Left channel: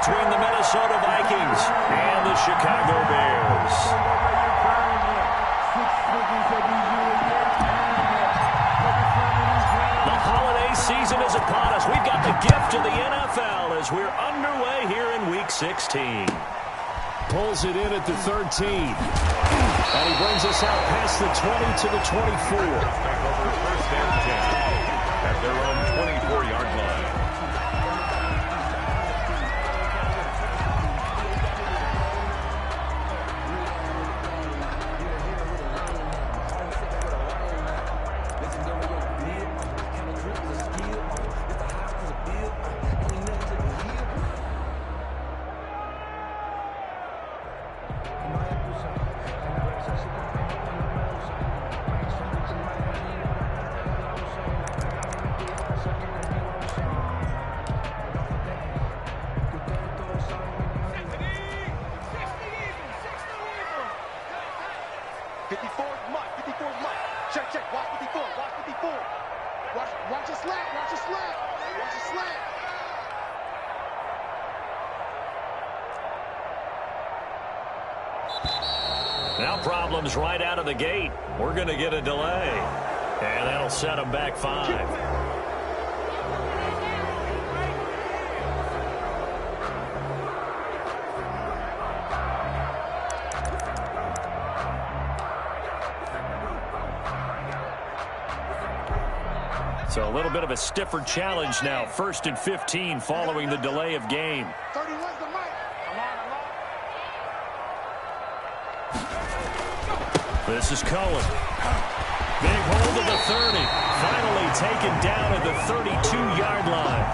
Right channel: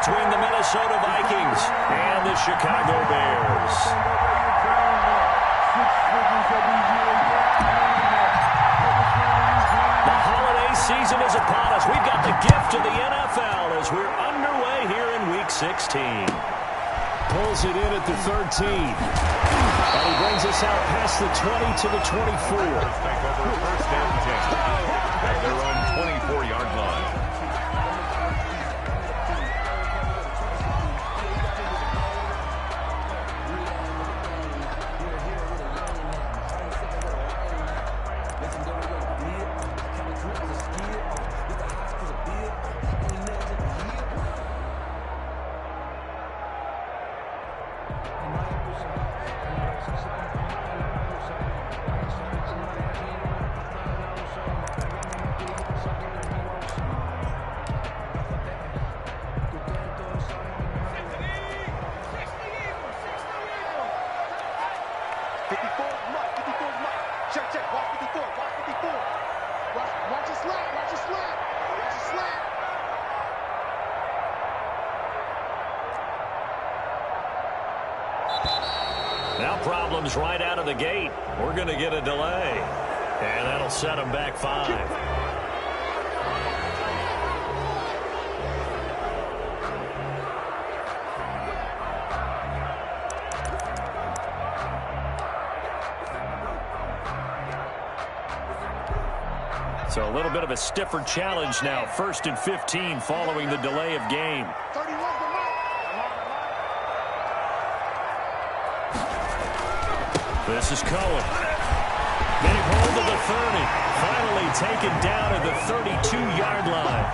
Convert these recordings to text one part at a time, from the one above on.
between the Minnesota Vikings and the Chicago Bears. The holiday season is upon us. We've got the gift of the NFL as we're underway here in Week 16. Pulls it in at the 13. And he brings us out past the 20 to the 24. Take over first and 10 at their own 24-yard line. Now problems right out of the gate. We're going to get a delay. And that'll set them back 5. So a little bit of a stiffer challenge now. 1st and 15 following the delay of game. 31's the mic. This is Cohen. Big hold of the 30. Finally taken down at the 32-yard line.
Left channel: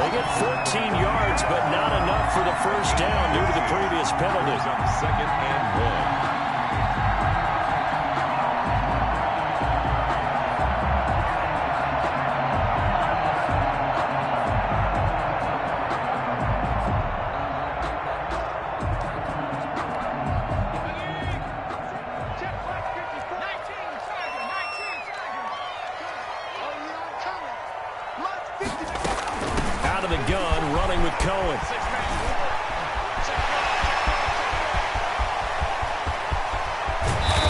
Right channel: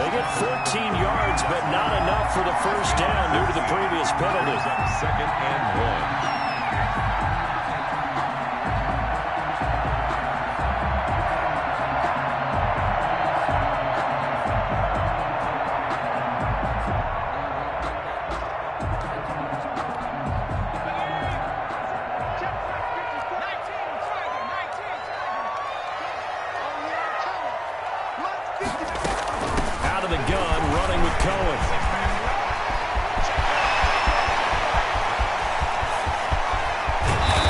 They get 14 yards, but not enough for the first down due to the previous penalty. Up 2nd and 1. Out of the gun, running with Cohen.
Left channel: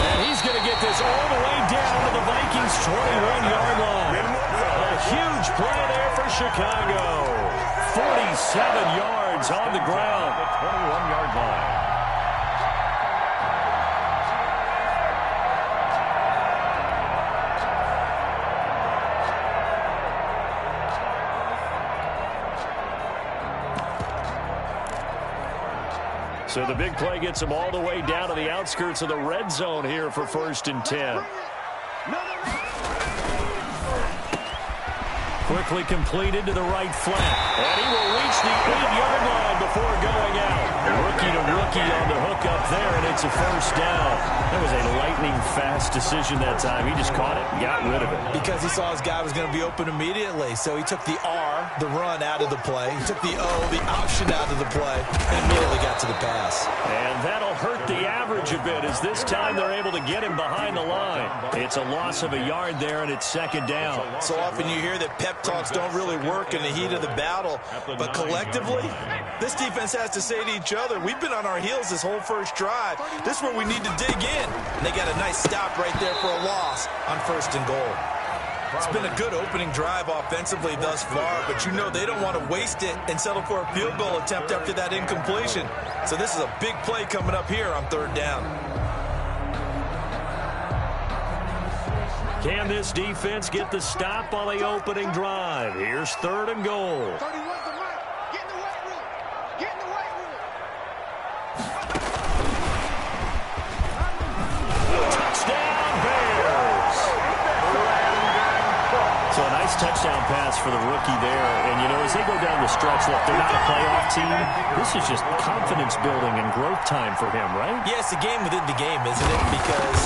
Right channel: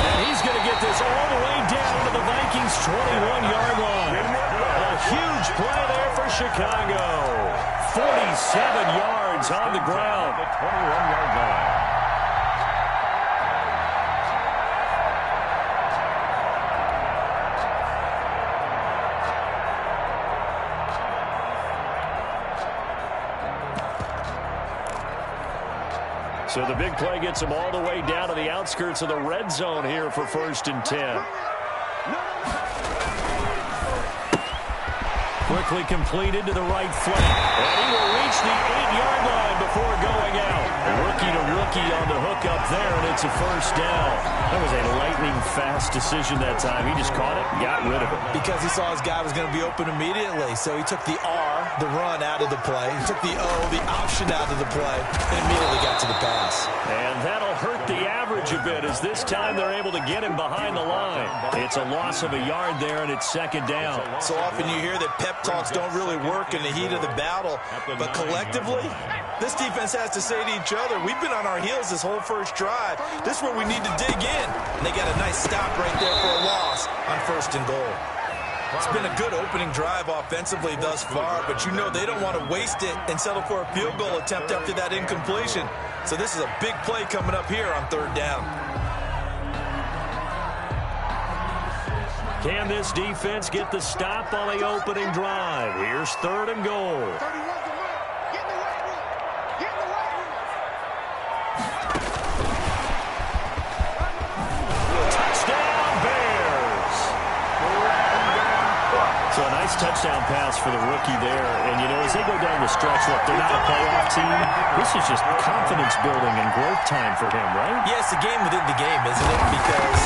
And he's going to get this all the way down to the Vikings' 21-yard line. A huge play there for Chicago. 47 yards on the ground. The 21-yard line. So the big play gets him all the way down to the outskirts of the red zone here for 1st and 10. Quickly completed to the right flank. And he will reach the 8-yard line before going out. Rookie to rookie on the hook up there, and it's a first down. That was a lightning-fast decision that time. He just caught it and got rid of it. Because he saw his guy was going to be open immediately. So he took the R, the run, out of the play. He took the O, the option, out of the play, and immediately got to the pass. And that'll hurt the average a bit as this time they're able to get him behind the line. It's a loss of a yard there, and it's 2nd down. So often you hear that pep talks don't really work in the heat of the battle. But collectively, this defense has to say to each other, we've been on our heels this whole first drive. This is where we need to dig in. And they got a nice stop right there for a loss on 1st and goal. It's been a good opening drive offensively thus far, but you know they don't want to waste it and settle for a field goal attempt after that incompletion. So this is a big play coming up here on 3rd down. Can this defense get the stop on the opening drive? Here's 3rd and goal. 31's the mic. Get in the weight room. Get in the weight room. Touchdown, Bears. So a nice touchdown pass for the rookie there. And, you know, as they go down the stretch, look, they're not a playoff team. This is just confidence building and growth time for him, right? Yeah, it's a game within the game, isn't it? Because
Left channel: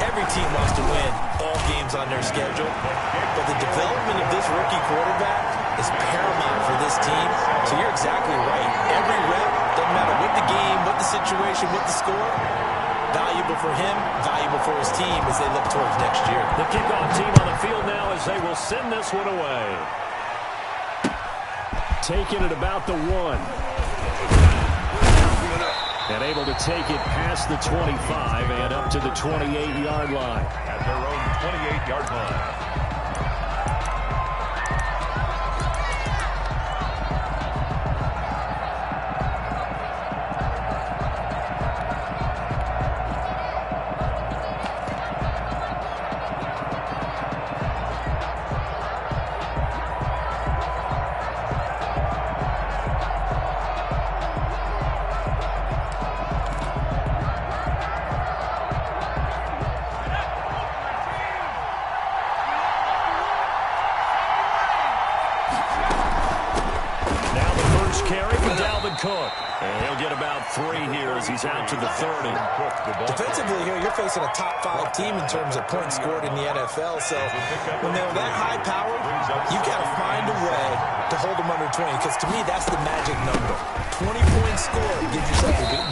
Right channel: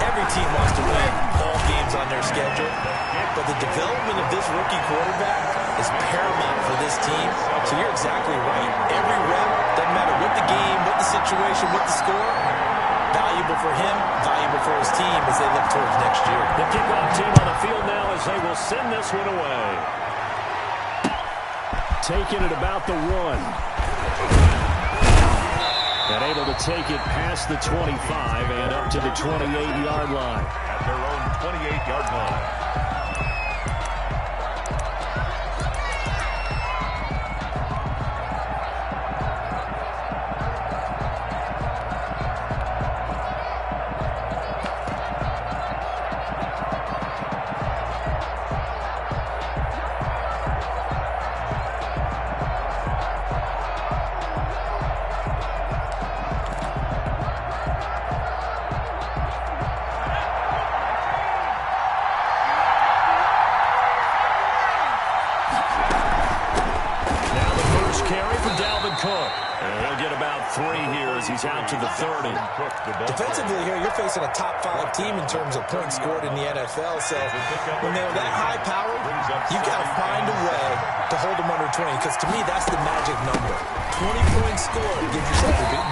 every team wants to win all games on their schedule. But the development of this rookie quarterback is paramount for this team. So you're exactly right. Every rep, doesn't matter what the game, what the situation, what the score, valuable for him, valuable for his team as they look towards next year. The kickoff team on the field now as they will send this one away. Taking it about the 1. And able to take it past the 25 and up to the 28-yard line. At their own 28-yard line. Cook. And he'll get about 3 here as he's out to the 30. Defensively here, you're facing a top 5 team in terms of points scored in the NFL. So when they're that high powered, you've got to find a way to hold them under 20. Because to me, that's the magic number. 20 points scored.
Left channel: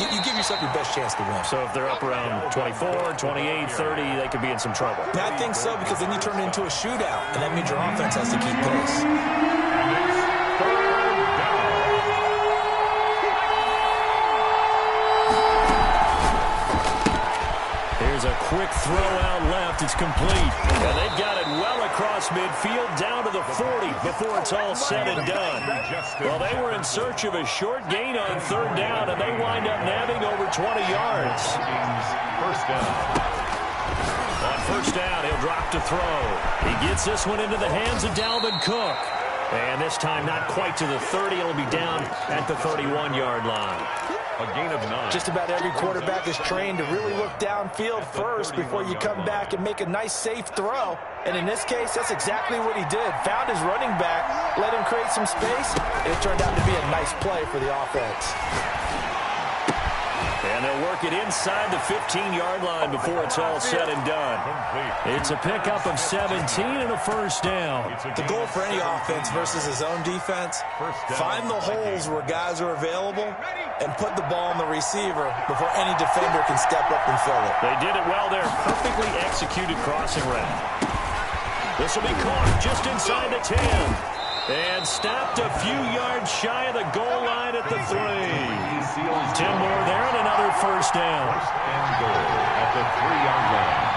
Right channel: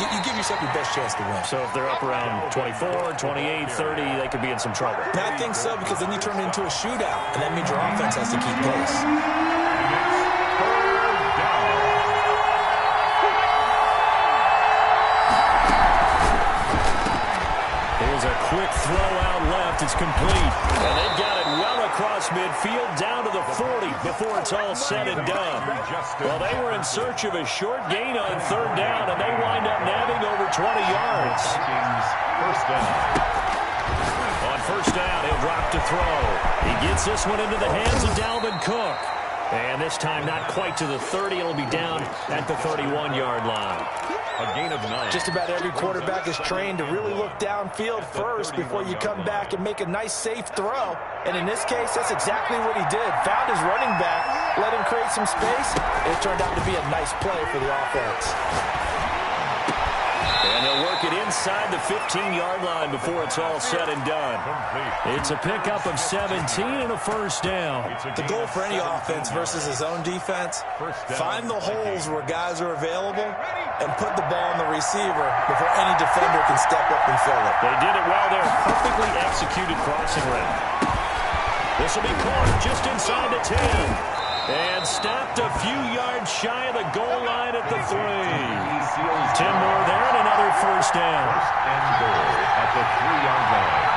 You give yourself your best chance to win. So if they're up around 24, 28, 30, they could be in some trouble. And I think so, because then you turn it into a shootout. And that means your offense has to keep pace. And it's 3rd down. Here's a quick throw out left. It's complete. And they've got it well across midfield down to the 40 before it's all said and done. Well, they were in search of a short gain on 3rd down, and they wind up nabbing over 20 yards. First down. On 1st down, he'll drop to throw. He gets this one into the hands of Dalvin Cook. And this time not quite to the 30. It'll be down at the 31-yard line. A gain of 9. Just about every quarterback is trained to really look downfield first before you come back and make a nice, safe throw. And in this case, that's exactly what he did. Found his running back, let him create some space, and it turned out to be a nice play for the offense. And they'll work it inside the 15-yard line before it's all said and done. It's a pickup of 17 and a 1st down. The goal for any offense versus his own defense, find the holes where guys are available and put the ball on the receiver before any defender can step up and fill it. They did it well there. Perfectly executed crossing route. This will be caught just inside the 10. And stopped a few yards shy of the goal line at the 3. 10 more there and another 1st down. 1st and goal at the 3-yard line.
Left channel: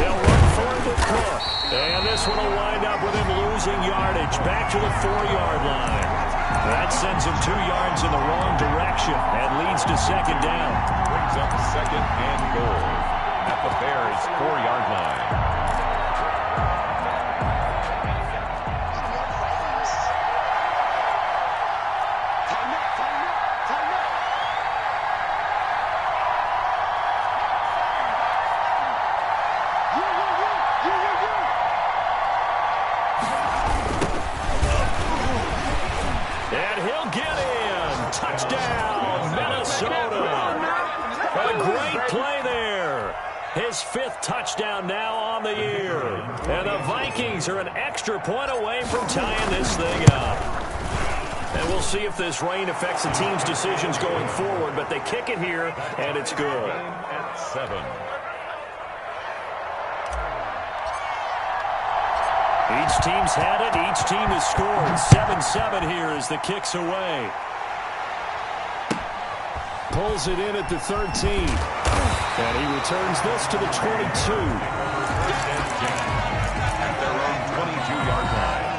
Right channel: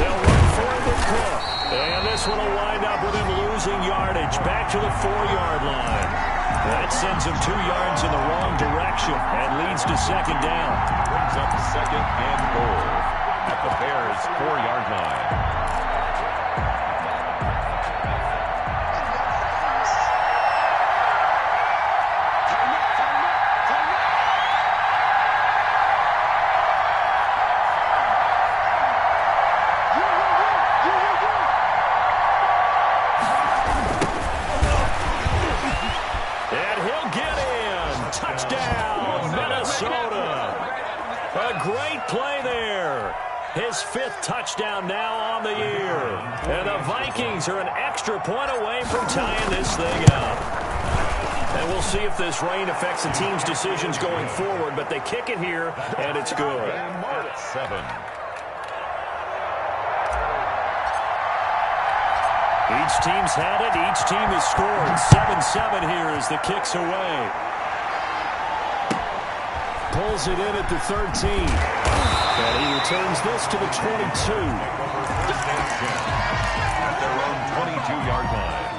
They'll run for it with Cook. And this one will wind up with him losing yardage back to the 4-yard line. That sends him 2 yards in the wrong direction and leads to 2nd down. Brings up 2nd and goal at the Bears' 4-yard line. And he'll get in. Touchdown, Minnesota. A great play there. His 5th touchdown now on the year. And the Vikings are an extra point away from tying this thing up. And we'll see if this rain affects the team's decisions going forward, but they kick it here, and it's good. At 7. Each team's had it. Each team has scored. 7-7 here as the kick's away. Pulls it in at the 13. And he returns this to the 22. 1st and 10 at their own 22-yard line.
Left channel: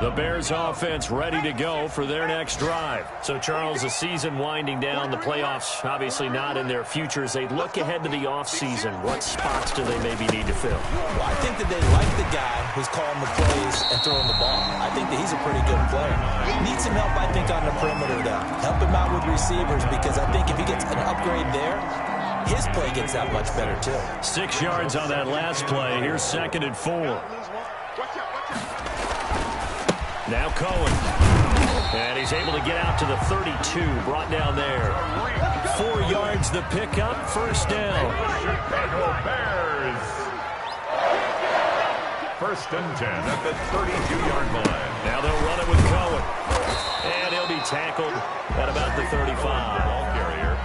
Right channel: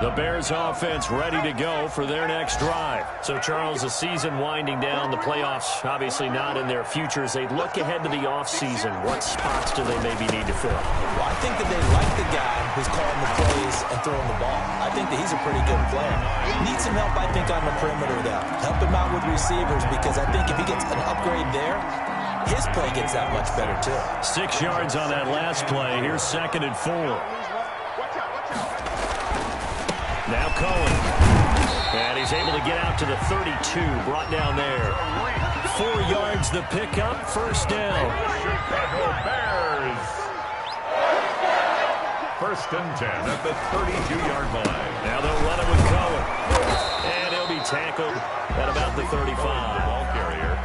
The Bears offense ready to go for their next drive. So, Charles, the season winding down, the playoffs obviously not in their future. As they look ahead to the offseason, what spots do they maybe need to fill? Well, I think that they like the guy who's calling the plays and throwing the ball. I think that he's a pretty good player. Needs some help, I think, on the perimeter, though. Help him out with receivers, because I think if he gets an upgrade there, his play gets that much better, too. 6 yards on that last play. Here's 2nd and 4. Now Cohen. And he's able to get out to the 32, brought down there. 4 yards the pickup, 1st down. Chicago Bears. 1st and 10 at the 32-yard line. Now they'll run it with Cohen. And he'll be tackled at about the 35. Ball carrier.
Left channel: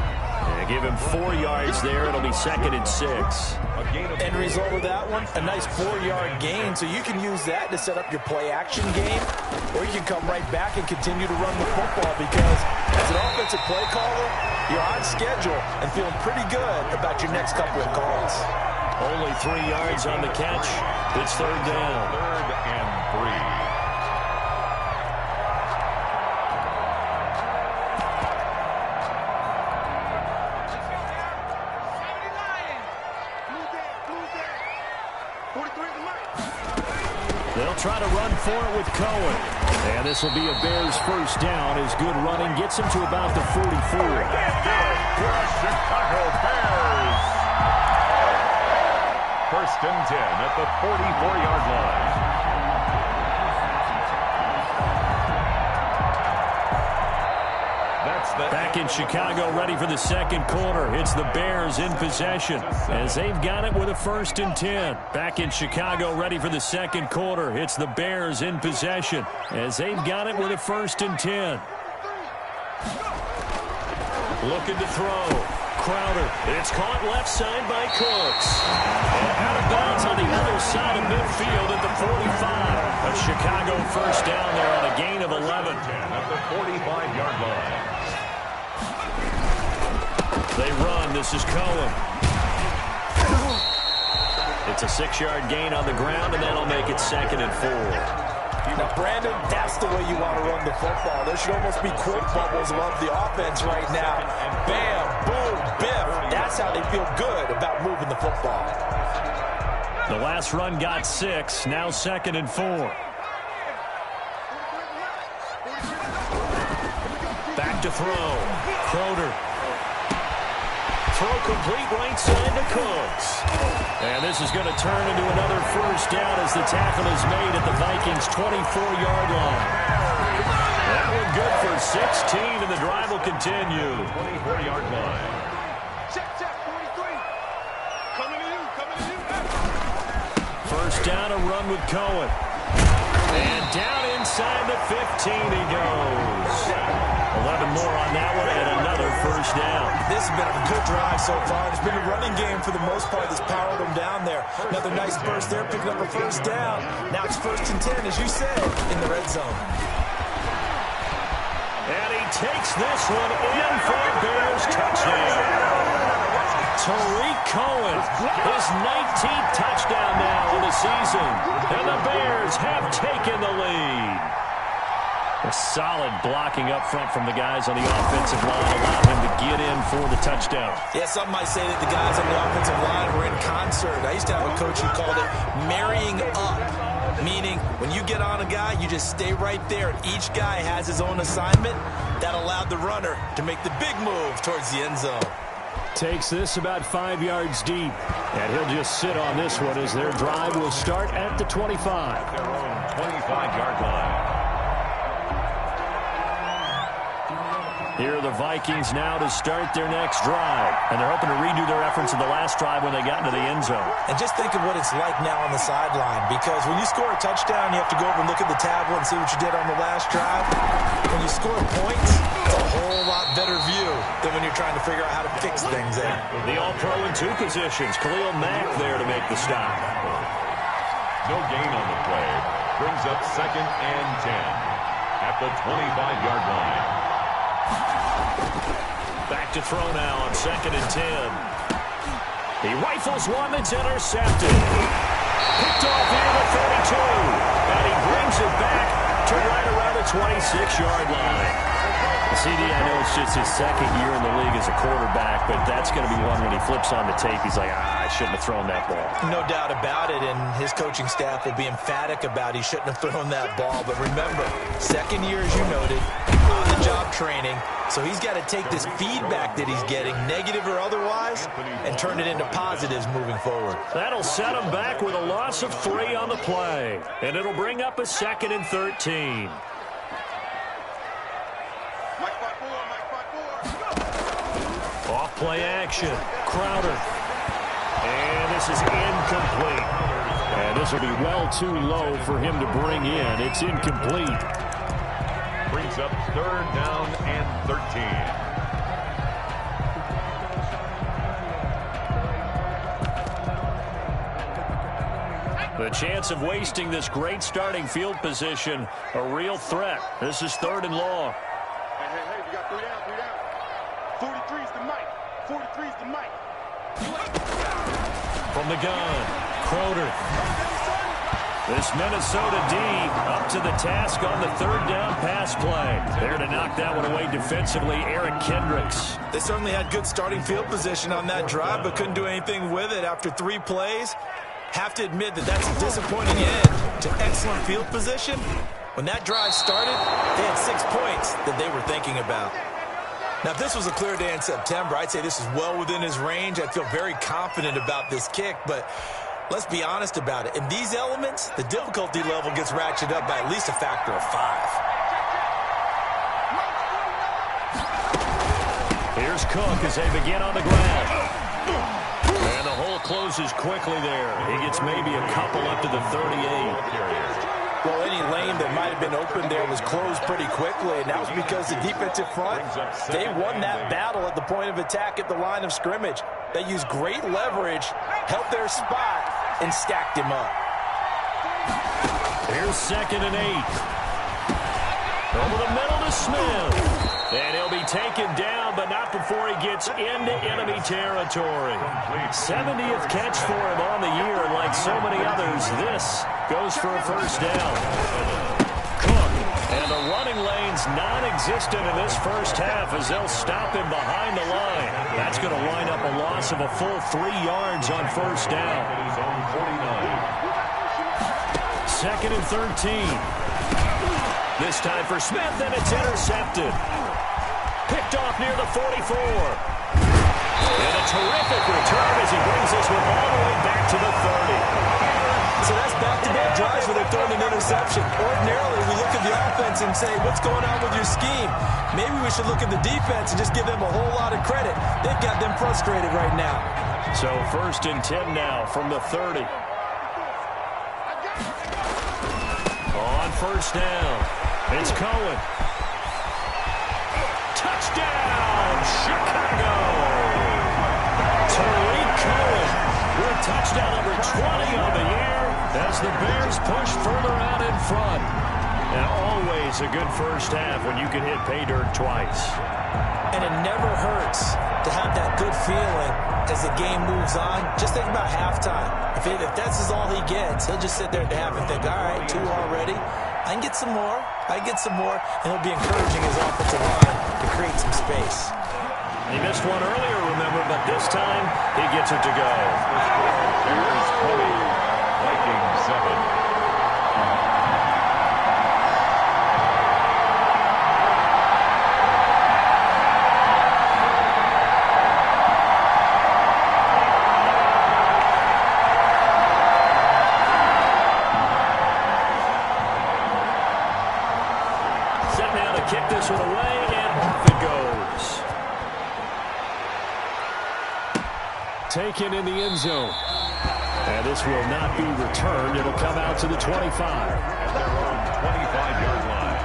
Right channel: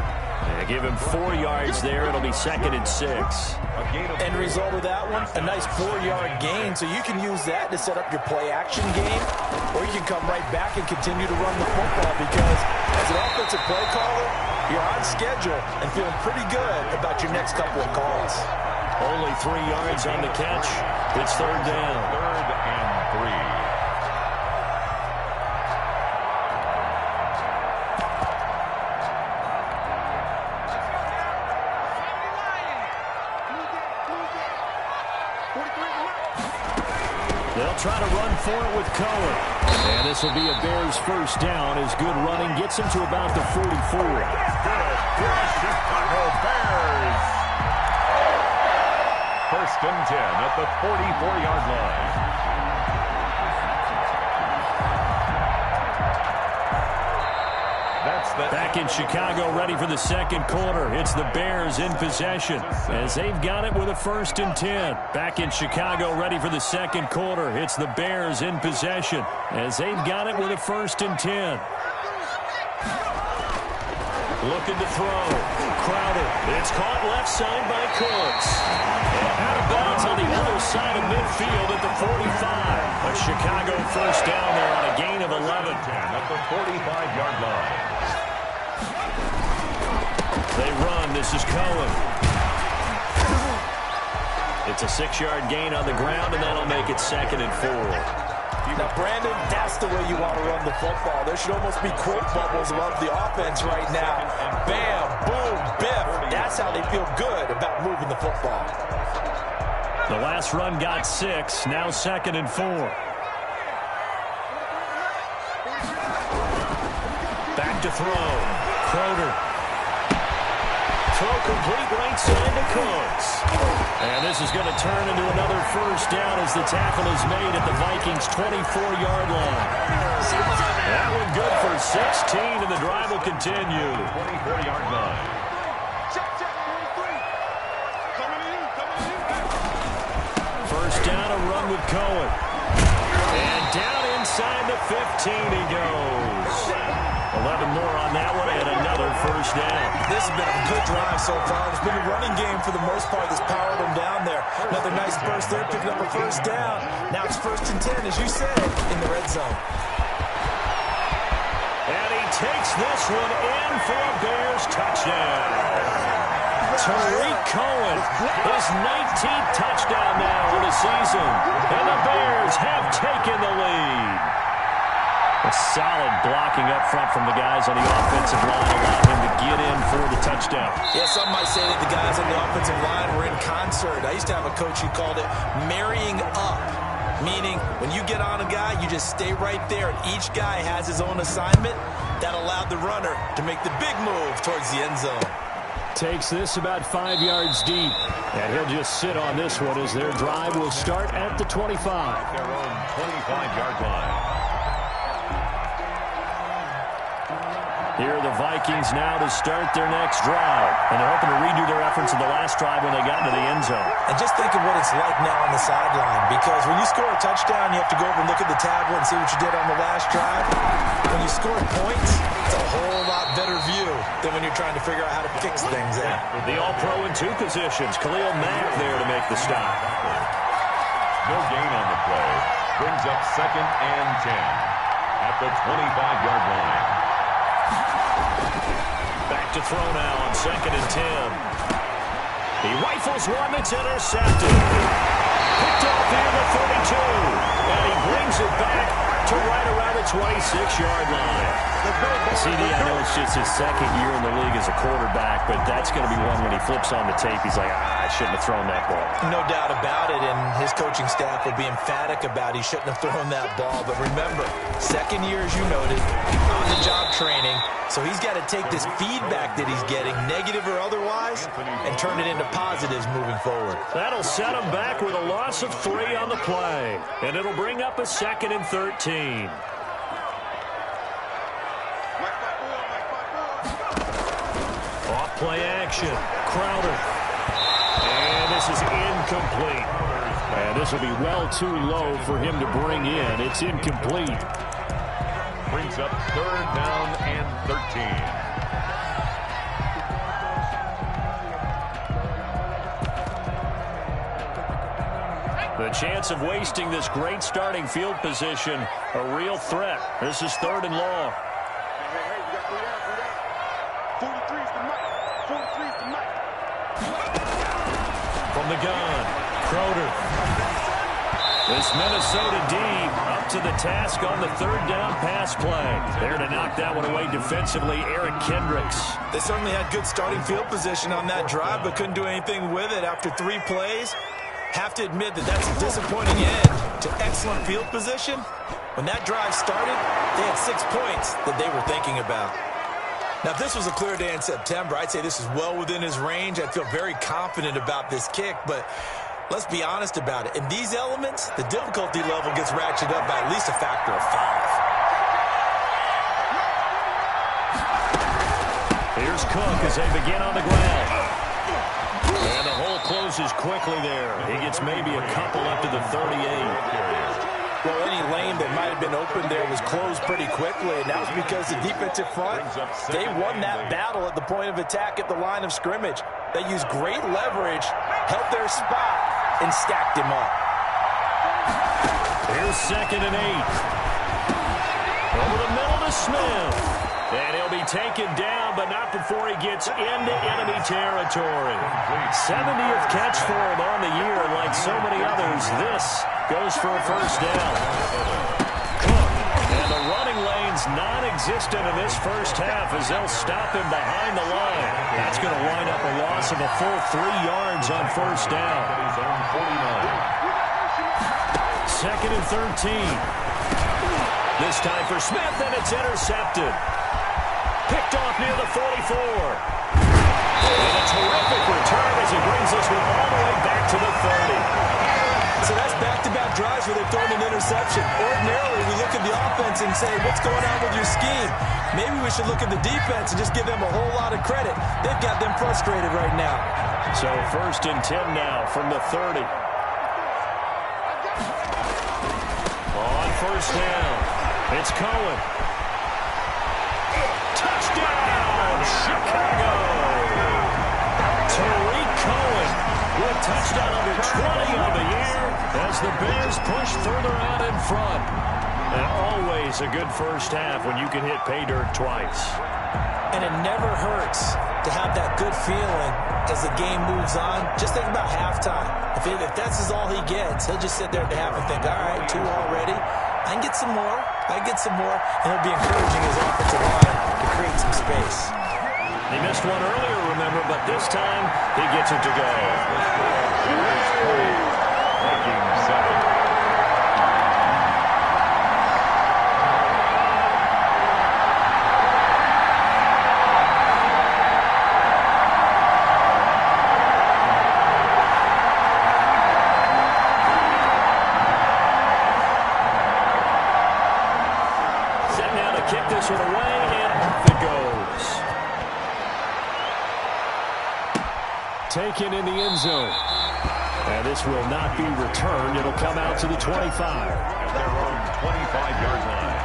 And They give him 4 yards there. It'll be 2nd and 6. End result of that one, a nice 4-yard gain. So you can use that to set up your play-action game, or you can come right back and continue to run the football because as an offensive play caller, you're on schedule and feeling pretty good about your next couple of calls. Only 3 yards on the catch. It's 3rd down. 3rd and 3. They'll try to run for it with Cohen. And this will be a Bears first down as good running gets him to about the 44. Good for Chicago Bears. 1st and 10 at the 44-yard line. Back in Chicago, ready for the 2nd quarter. It's the Bears in possession as they've got it with a 1st and 10. Back in Chicago, ready for the 2nd quarter. It's the Bears in possession as they've got it with a 1st and 10. Looking to throw. Crowder. It's caught left side by Cooks. And out of bounds on the other side of midfield at the 45. A Chicago first down there on a gain of 11. At the 45-yard line. They run. This is Cohen. It's a 6-yard gain on the ground, and that'll make it 2nd and 4. Now, Brandon, that's the way you want to run the football. There should almost be quote bubbles above the offense right now. Bam, boom, biff. That's how they feel good about moving the football. The last run got 6. Now 2nd and 4. Back to throw. Crowder. Throw complete right side to Cooks. And this is going to turn into another first down as the tackle is made at the Vikings' 24-yard line. That one good for 16, and the drive will continue. 24-yard line. Check, 43. Coming to you. First down, a run with Cohen. And down inside the 15 he goes. 11 more on that one, and another first down. This has been a good drive so far. It's been a running game for the most part that's powered them down there. Another nice burst there, picking up a first down. Now it's 1st and 10, as you said, in the red zone. And he takes this one in for a Bears touchdown. Tariq Cohen, his 19th touchdown now on the season. And the Bears have taken the lead. A solid blocking up front from the guys on the offensive line allowed him to get in for the touchdown. Yeah, some might say that the guys on the offensive line were in concert. I used to have a coach who called it marrying up, meaning when you get on a guy, you just stay right there, and each guy has his own assignment. That allowed the runner to make the big move towards the end zone. Takes this about 5 yards deep, and he'll just sit on this one as their drive will start at the 25. Their own 25-yard line. Here are the Vikings now to start their next drive. And they're hoping to redo their efforts in the last drive when they got into the end zone. And just think of what it's like now on the sideline, because when you score a touchdown, you have to go over and look at the tablet and see what you did on the last drive. When you score points, it's a whole lot better view than when you're trying to figure out how to fix things there. The All-Pro in 2 positions. Khalil Mack there to make the stop. No gain on the play. Brings up 2nd and 10 at the 25-yard line. Back to throw now on 2nd and 10. He rifles one that's intercepted. Picked off here the 32. And he brings it back to right around the 26-yard line. CD, I know it's just his 2nd year in the league as a quarterback, but that's going to be one when he flips on the tape, he's like, I shouldn't have thrown that ball. No doubt about it, and his coaching staff will be emphatic about he shouldn't have thrown that ball. But remember, 2nd year, as you noted, on-the-job training, so he's got to take this feedback that he's getting, negative or otherwise, and turn it into positives moving forward. That'll set him back with a loss of 3 on the play, and it'll bring up a 2nd and 13. Off play action. Crowder. And this is incomplete. And this will be well too low for him to bring in. It's incomplete. Brings up 3rd down and 13. The chance of wasting this great starting field position, a real threat. This is 3rd and long. Hey, we got 3 down, 3 down. 43's the mic. 43's the mic. From the gun, Crowder. This Minnesota D up to the task on the 3rd down pass play. There to knock that one away defensively, Eric Kendricks. They certainly had good starting field position on that drive, but couldn't do anything with it after 3 plays. Have to admit that that's a disappointing end to excellent field position. When that drive started, they had 6 points that they were thinking about. Now, if this was a clear day in September, I'd say this is well within his range. I'd feel very confident about this kick, but let's be honest about it. In these elements, the difficulty level gets ratcheted up by at least a factor of 5. Here's Cook as they begin on the ground. And the hole closes quickly there. He gets maybe a couple up to the 38. Well, any lane that might have been open there was closed pretty quickly, and that was because the defensive front, they won that battle at the point of attack at the line of scrimmage. They used great leverage, held their spot, and stacked him up. Here's 2nd and 8. Over the middle to Smith. And he'll be taken down, but not before he gets into enemy territory. 70th catch for him on the year, and like so many others, this goes for a 1st down. Cook, and the running lane's non-existent in this 1st half as they'll stop him behind the line. That's going to wind up a loss of a full 3 yards on 1st down. 2nd and 13. This time for Smith, and it's intercepted. Picked off near the 44. And a terrific return as he brings this one all the way back to the 30. So that's back-to-back drives where they've thrown an interception. Ordinarily, we look at the offense and say, what's going on with your scheme? Maybe we should look at the defense and just give them a whole lot of credit. They've got them frustrated right now. So 1st and 10 now from the 30. On 1st down, it's Cohen. Touchdown, Chicago! Tariq Cohen with touchdown number 20 on the year as the Bears push further out in front. And always a good 1st half when you can hit pay dirt twice. And it never hurts to have that good feeling as the game moves on. Just think about halftime. If that's all he gets, he'll just sit there at the half and think, all right, 2 already. I can get some more. And he'll be encouraging his offensive line to create some space. He missed one earlier, remember, but this time he gets it to go. Bears 20, Vikings 7. Kick this one away, and off it goes. Taken in the end zone. And this will not be returned. It'll come out to the 25. At their own 25-yard line.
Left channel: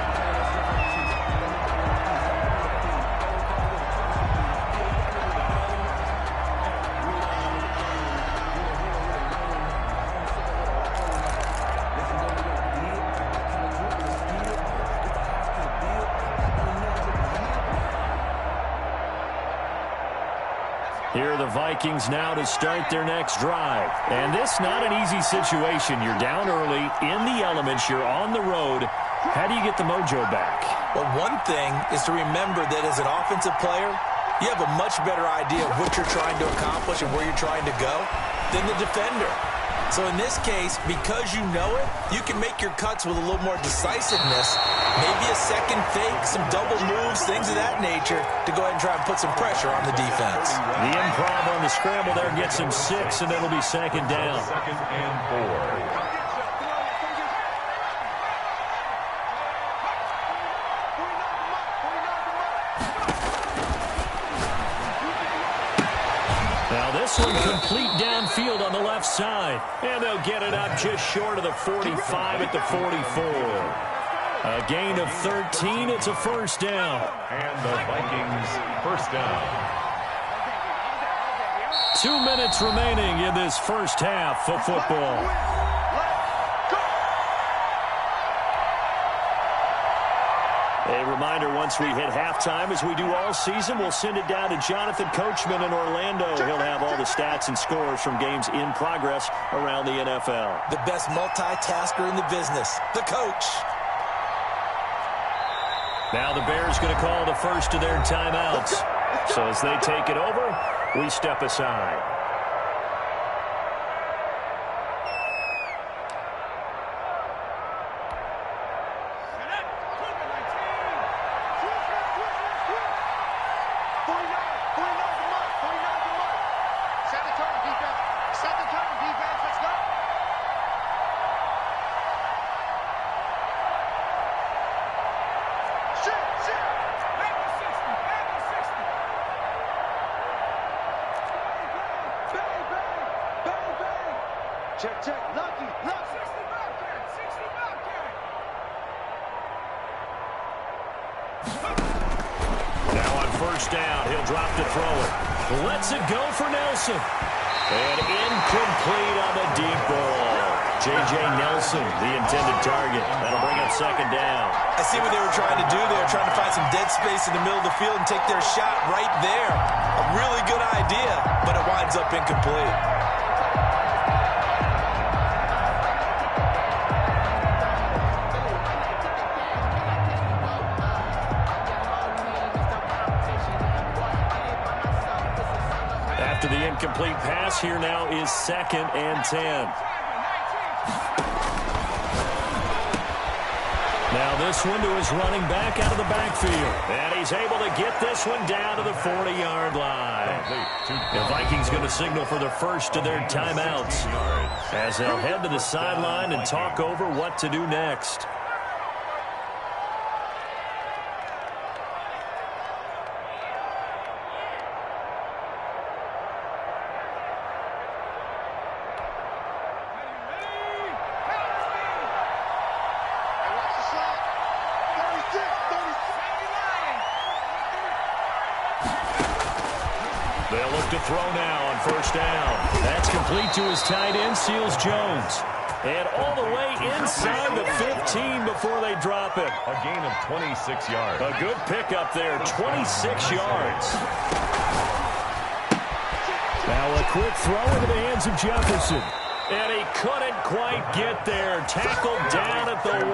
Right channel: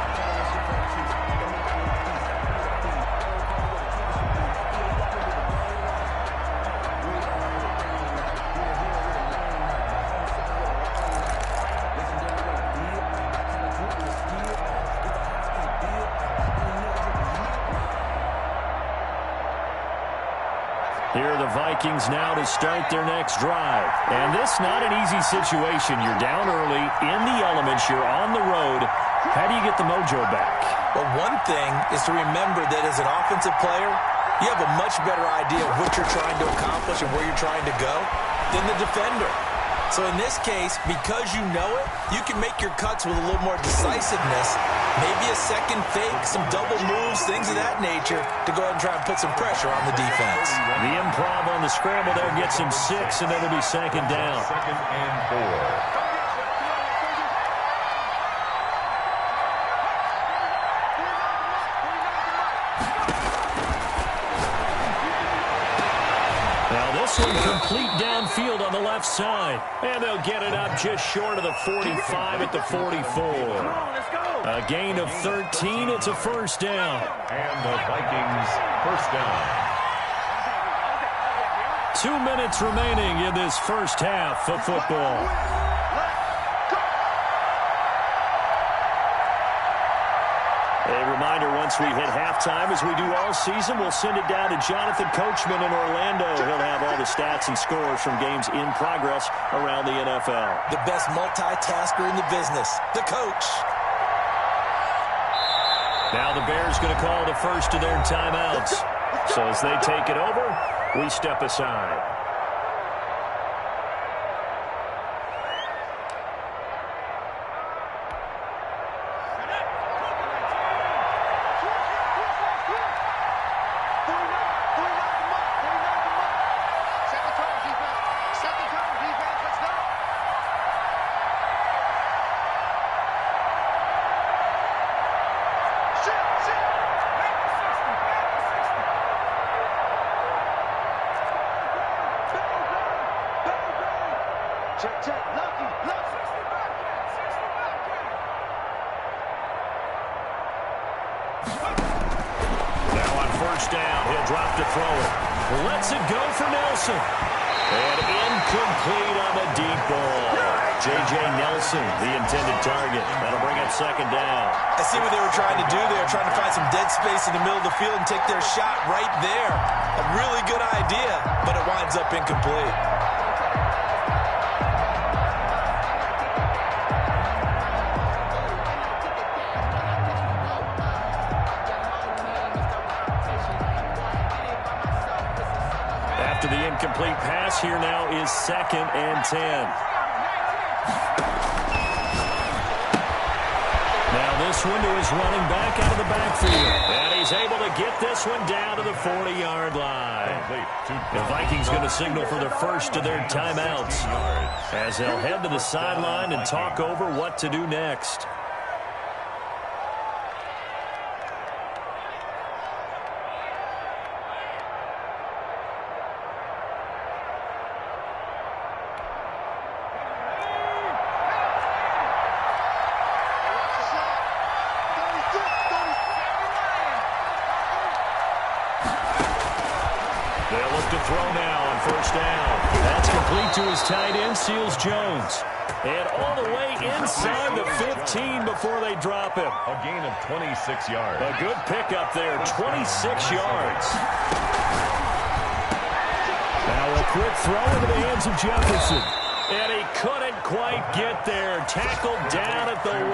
Here are the Vikings now to start their next drive. And this not an easy situation. You're down early, in the elements, you're on the road. How do you get the mojo back? Well, one thing is to remember that as an offensive player, you have a much better idea of what you're trying to accomplish and where you're trying to go than the defender. So in this case, because you know it, you can make your cuts with a little more decisiveness, maybe a second fake, some double moves, things of that nature, to go ahead and try and put some pressure on the defense. The improv on the scramble there gets him 6, and it'll be 2nd down. 2nd and 4. Now this one complete downfield on the left side. And they'll get it up just short of the 45 at the 44. A gain of 13. It's a 1st down. And the Vikings 1st down. 2 minutes remaining in this 1st half of football. A reminder, once we hit halftime, as we do all season, we'll send it down to Jonathan Coachman in Orlando. He'll have all the stats and scores from games in progress around the NFL. The best multitasker in the business, the coach. Now the Bears going to call the first of their timeouts. So as they take it over, we step aside. Check, lucky. 60 Bobcat, 60 Bobcat. Now on first down, he'll drop to throw it. Lets it go for Nelson. And incomplete on the deep ball. J.J. Nelson, the intended target. That'll bring up second down. I see what they were trying to do there, trying to find some dead space in the middle of the field and take their shot right there. A really good idea, but it winds up incomplete. After the incomplete pass, here now is 2nd and 10. Now this one to his running back out of the backfield. And he's able to get this one down to the 40-yard line. The Vikings going to signal for the first of their timeouts as they'll head to the sideline and talk over what to do next. They'll look to throw now on first down. That's complete to his tight end, Seals Jones. And all the way inside the 15 before they drop him. A gain of 26 yards. A good pickup there, 26 yards. Now a quick throw into the hands of Jefferson. And he couldn't quite get there. Tackled down at the 1.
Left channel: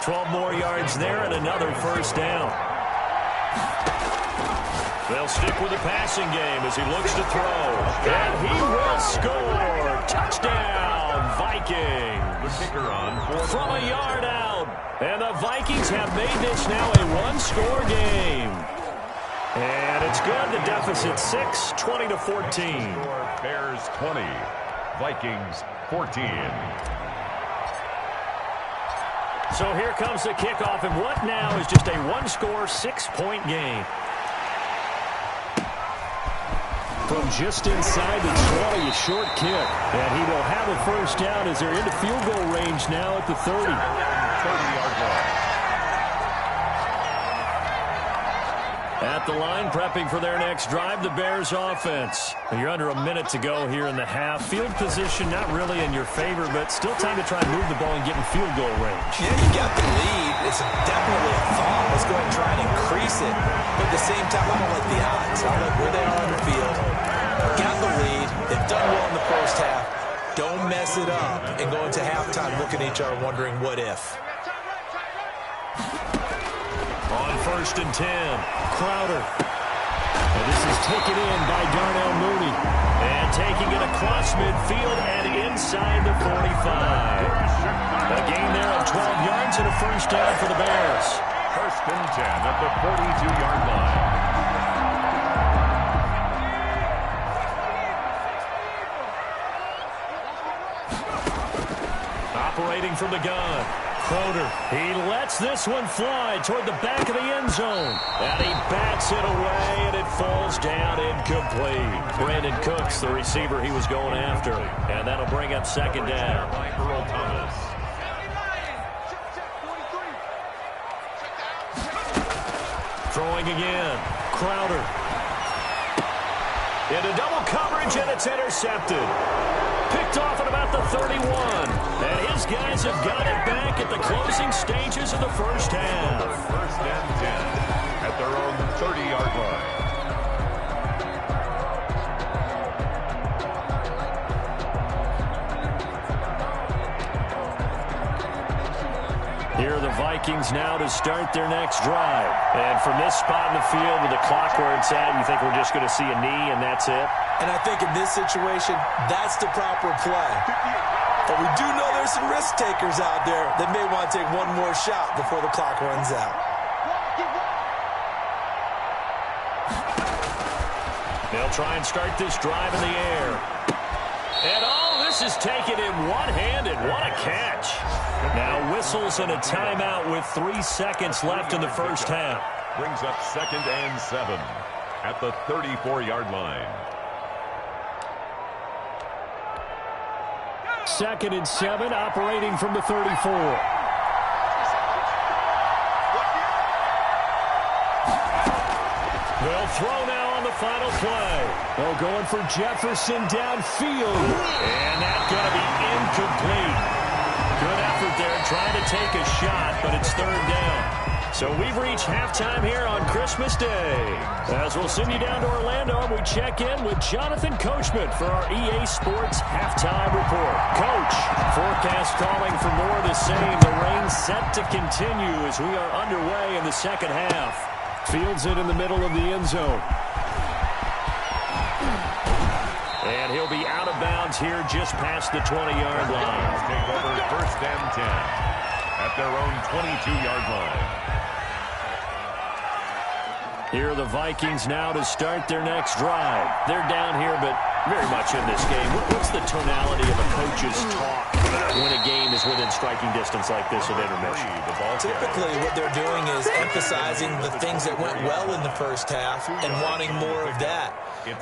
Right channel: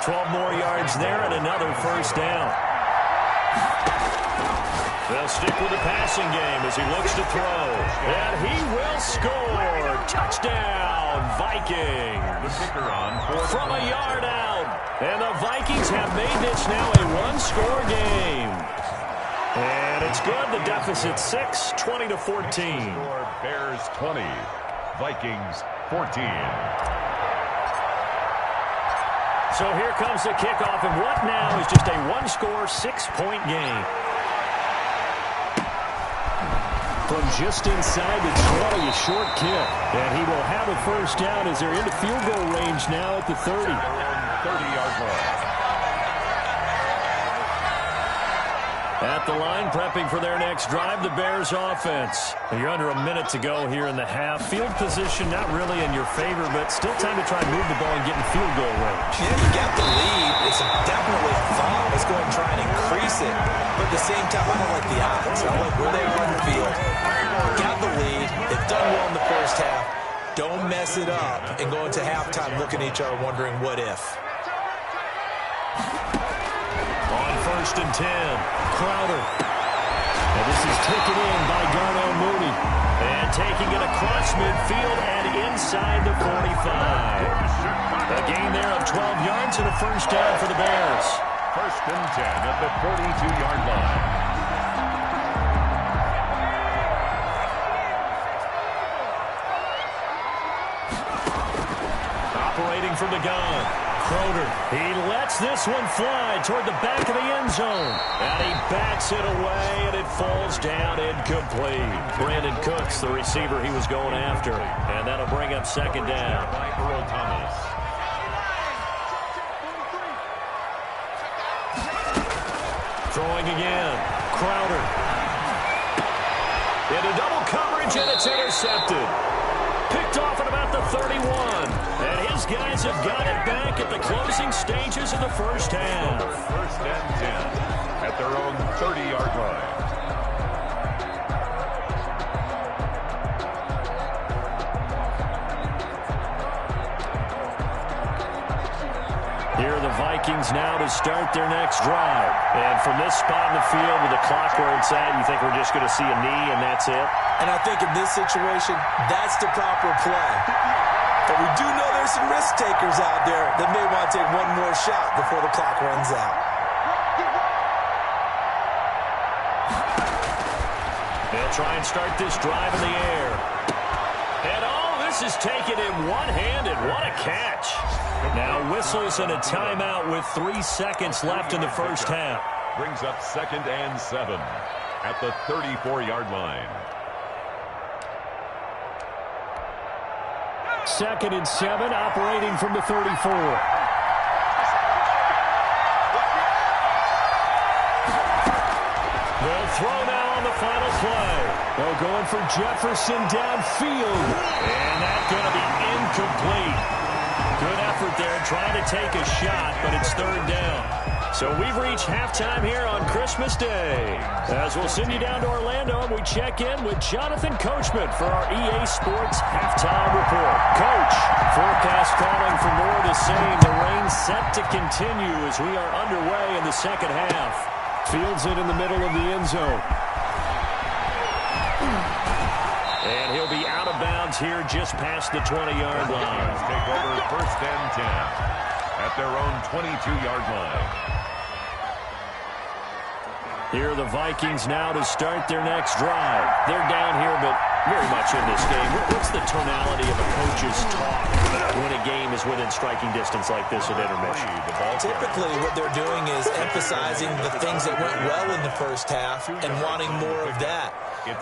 12 more yards there and another first down. They'll stick with the passing game as he looks to throw. And he will score. Touchdown, Vikings. The kicker on from a yard out. And the Vikings have made this now a one-score game. And it's good. The deficit 6, 20-14. Score Bears 20, Vikings 14. So here comes the kickoff, and what now is just a one-score, 6-point game. From just inside the 20, a short kick. And he will have a first down as they're into field goal range now at the 30. 30-yard line. At the line, prepping for their next drive, the Bears offense. You're under a minute to go here in the half. Field position not really in your favor, but still time to try and move the ball and get in field goal range. Yeah, you got the lead. It's definitely a thought. Let's go ahead and try and increase it. But at the same time, I don't like the odds. I like where they are on the field. Got the lead. They've done well in the first half. Don't mess it up and go into halftime looking at each other wondering what if. On 1st and 10, Crowder. And this is taken in by Darnell Mooney. And taking it across midfield and inside the 45. A gain there of 12 yards and a first down for the Bears. 1st and 10 at the 42-yard line. Operating from the gun. Crowder, he lets this one fly toward the back of the end zone. And he bats it away, and it falls down incomplete. Brandon Cooks, the receiver he was going after. And that'll bring up second down. By Earl Thomas. Throwing again. Crowder. Into double coverage, and it's intercepted. Picked off at about the 31. And his guys have got it back at the closing stages of the first half. First and 10 at their own 30-yard line. Here are the Vikings now to start their next drive. And from this spot in the field with the clock where it's at, you think we're just going to see a knee and that's it? And I think in this situation, that's the proper play. But we do know there's some risk takers out there that may want to take one more shot before the clock runs out. They'll try and start this drive in the air. And this is taken in one-handed. What a catch. Now whistles and a timeout with 3 seconds left in the first half. Brings up 2nd and 7 at the 34-yard line. 2nd and 7, operating from the 34. They'll throw now on the final play. They'll going for Jefferson downfield. And that's going to be incomplete. Good effort there trying to take a shot, but it's 3rd down. So we've reached halftime here on Christmas Day. As we'll send you down to Orlando, and we check in with Jonathan Coachman for our EA Sports Halftime Report. Coach, forecast calling for more of the same. The rain set to continue as we are underway in the second half. Fields it in the middle of the end zone. And he'll be out of bounds here just past the 20-yard line. Take over 1st and 10 at their own 22-yard line. Here are the Vikings now to start their next drive. They're down here, but very much in this game. What's the tonality of a coach's talk when a game is within striking distance like this at intermission? Typically, what they're doing is emphasizing the things that went well in the first half and wanting more of that.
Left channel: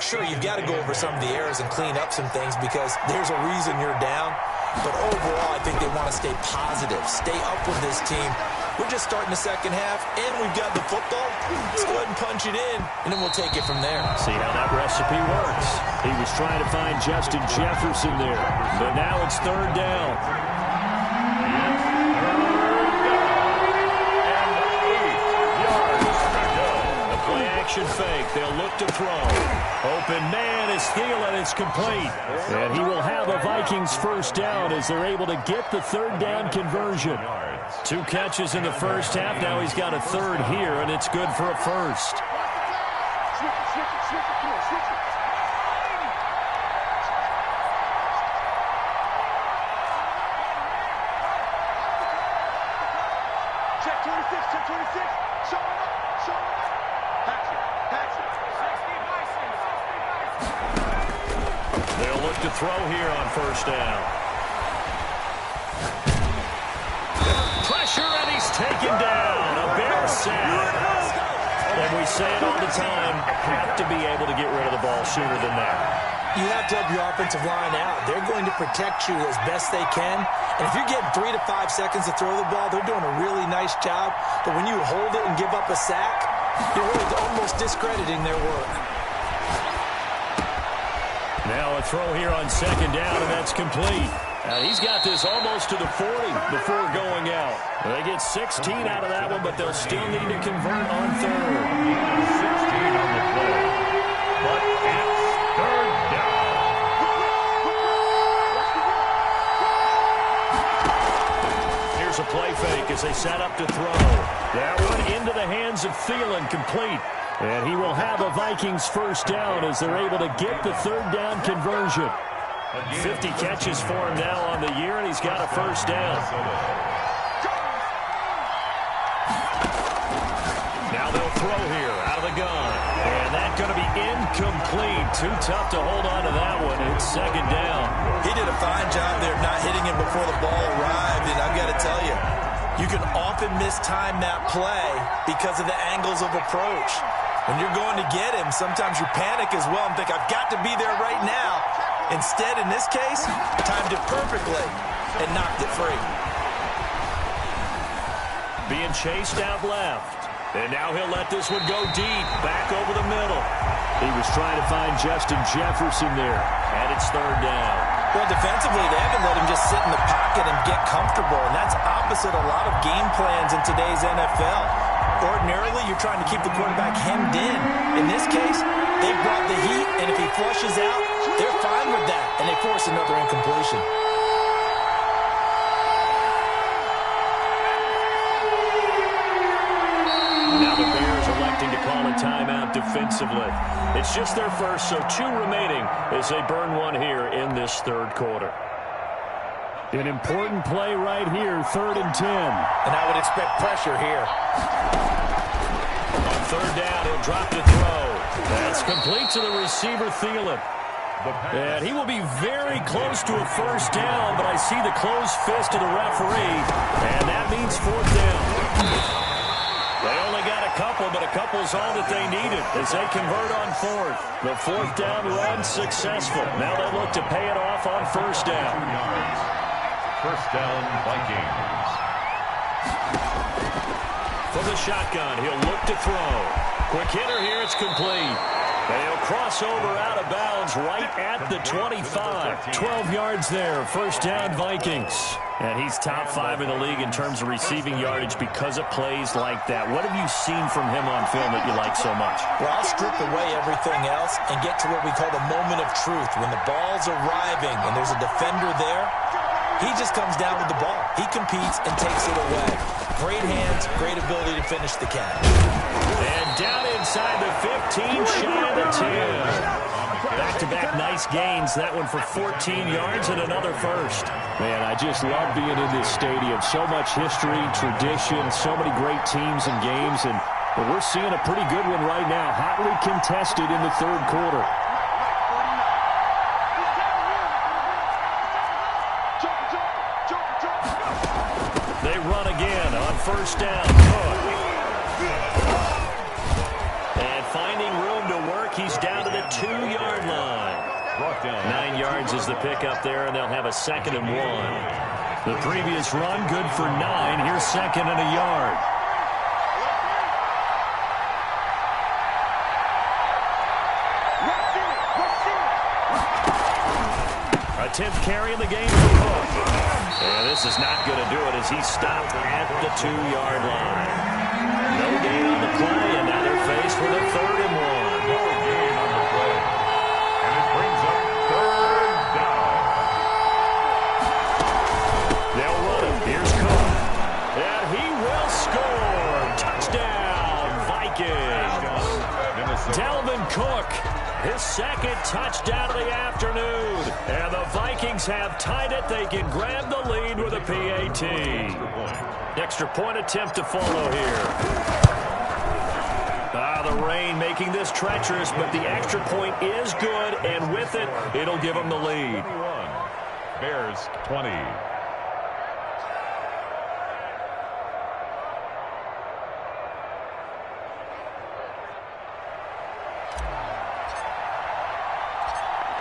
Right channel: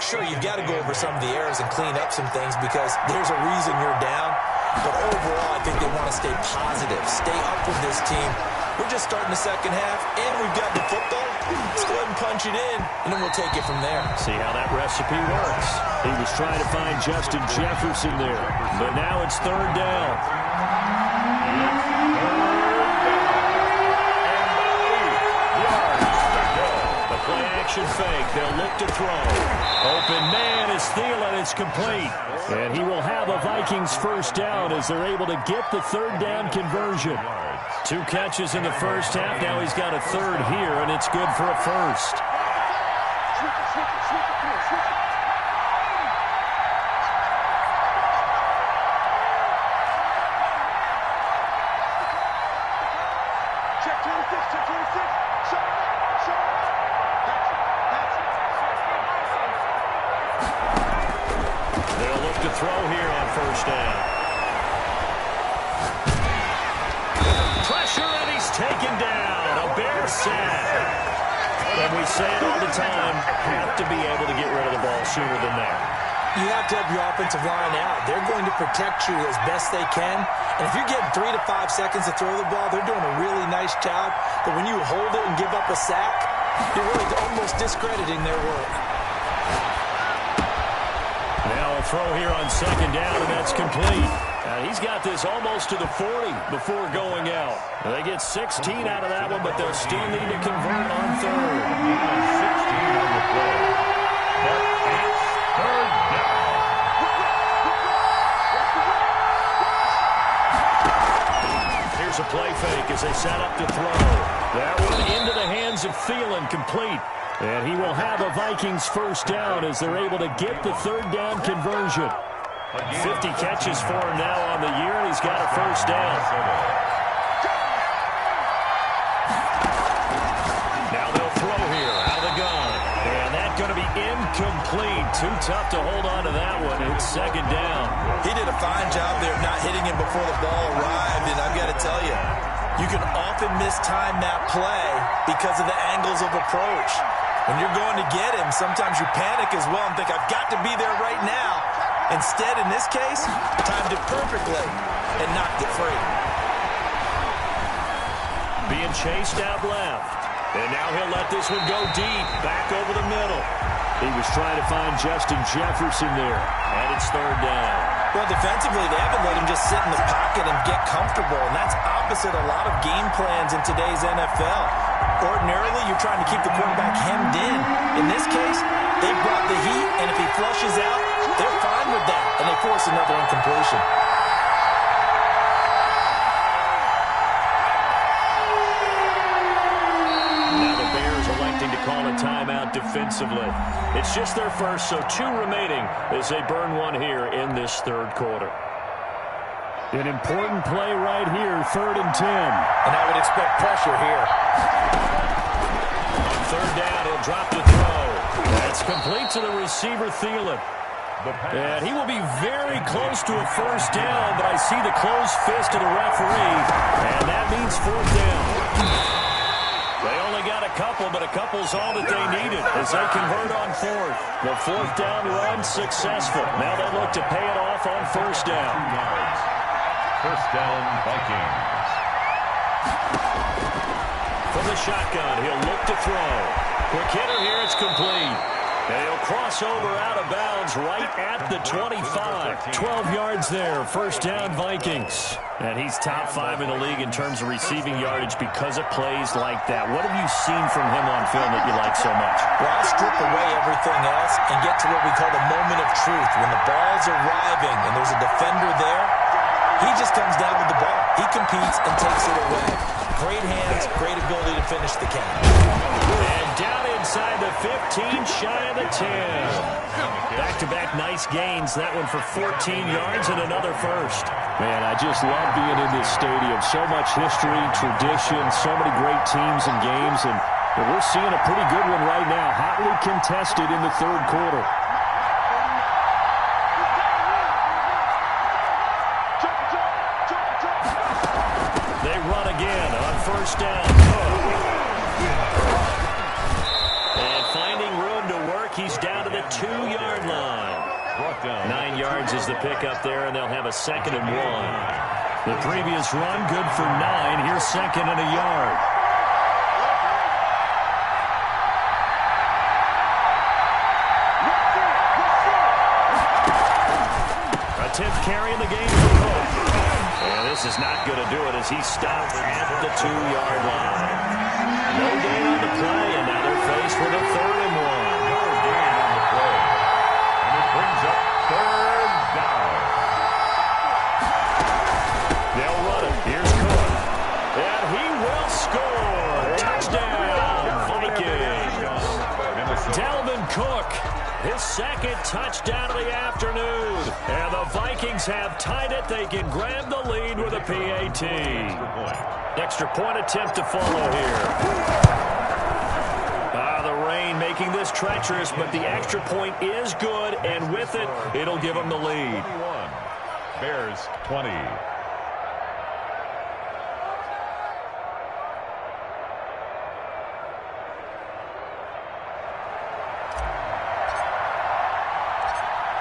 Sure, you've got to go over some of the errors and clean up some things because there's a reason you're down. But overall, I think they want to stay positive, stay up with this team. We're just starting the second half, and we've got the football. Let's go ahead and punch it in, and then we'll take it from there. See how that recipe works. He was trying to find Justin Jefferson there, but now it's 3rd down. Play-action fake. They'll look to throw. Open man is Thielen. It's complete. And he will have a Vikings first down as they're able to get the 3rd down conversion. 2 catches in the first half. Now he's got a 3rd here, and it's good for a first. Check 26, check 26. Show it up, show it up. Pass it. They'll look to throw here on first down. Pressure, and he's taken down. A Bear sack. And we say it all the time, have to be able to get rid of the ball sooner than that. You have to help your offensive line out. They're going to protect you as best they can. And if you're getting 3 to 5 seconds to throw the ball, they're doing a really nice job. But when you hold it and give up a sack, you're really almost discrediting their work. Now a throw here on 2nd down, and that's complete. He's got this almost to the 40 before going out. They get 16 out of that one, but they'll still need to convert on 3rd. A gain of 16 on the play. But it's 3rd down. Here's a play fake as they set up to throw. That one into the hands of Thielen, complete. And he will have a Vikings first down as they're able to get the 3rd down conversion. 50 catches for him now on the year, and he's got a first down. Now they'll throw here out of the gun. And that's going to be incomplete. Too tough to hold on to that one. It's 2nd down. He did a fine job there of not hitting him before the ball arrived, and I've got to tell you, you can often mistime that play because of the angles of approach. When you're going to get him, sometimes you panic as well and think, I've got to be there right now. Instead, in this case, timed it perfectly and knocked it free. Being chased out left. And now he'll let this one go deep, back over the middle. He was trying to find Justin Jefferson there, and it's 3rd down. Well, defensively, they haven't let him just sit in the pocket and get comfortable, and that's opposite a lot of game plans in today's NFL. Ordinarily, you're trying to keep the quarterback hemmed in. In this case, they brought the heat, and if he flushes out, they're fine with that, and they force another incompletion. Now the Bears electing to call a timeout defensively. It's just their first, so 2 remaining as they burn one here in this third quarter. An important play right here, 3rd and 10. And I would expect pressure here. On 3rd down, he'll drop the throw. That's complete to the receiver, Thielen. And he will be very close to a first down, but I see the closed fist of the referee, and that means 4th down. They only got a couple, but a couple's all that they needed as they convert on 4th. The 4th down run successful. Now they look to pay it off on 1st down. First down, Vikings. From the shotgun, he'll look to throw. Quick hitter here, it's complete. And he'll cross over out of bounds right at the 25. 12 yards there, 1st down Vikings. And he's top 5 in the league in terms of receiving yardage because of plays like that. What have you seen from him on film that you like so much? Well, I'll strip away everything else and get to what we call the moment of truth. When the ball's arriving and there's a defender there, he just comes down with the ball. He competes and takes it away. Great hands, great ability to finish the catch. And down inside the 15, shy of the 10. Back-to-back nice gains. That one for 14 yards and another first. Man, I just love being in this stadium. So much history, tradition, so many great teams and games. And we're seeing a pretty good one right now. Hotly contested in the third quarter. They run again on 1st down. And finding room to work, he's down to the 2-yard line. 9 yards is the pickup there, and they'll have a 2nd and 1. The previous run, good for 9. Here's 2nd and a yard. A 10th carry in the game for Cook. And this is not going to do it as he's stopped at the 2-yard line. No gain on the play, and now they're faced with a 3rd and 1. No gain on the play. And it brings up 3rd down. They'll run it. Here's Cook. And he will score. Touchdown, Vikings. Dalvin Cook, his 2nd touchdown of the afternoon. And the Vikings have tied it. They can grab the lead with a PAT. Extra point attempt to follow here. The rain making this treacherous, but the extra point is good, and with it, it'll give them the lead. 21. Bears 20.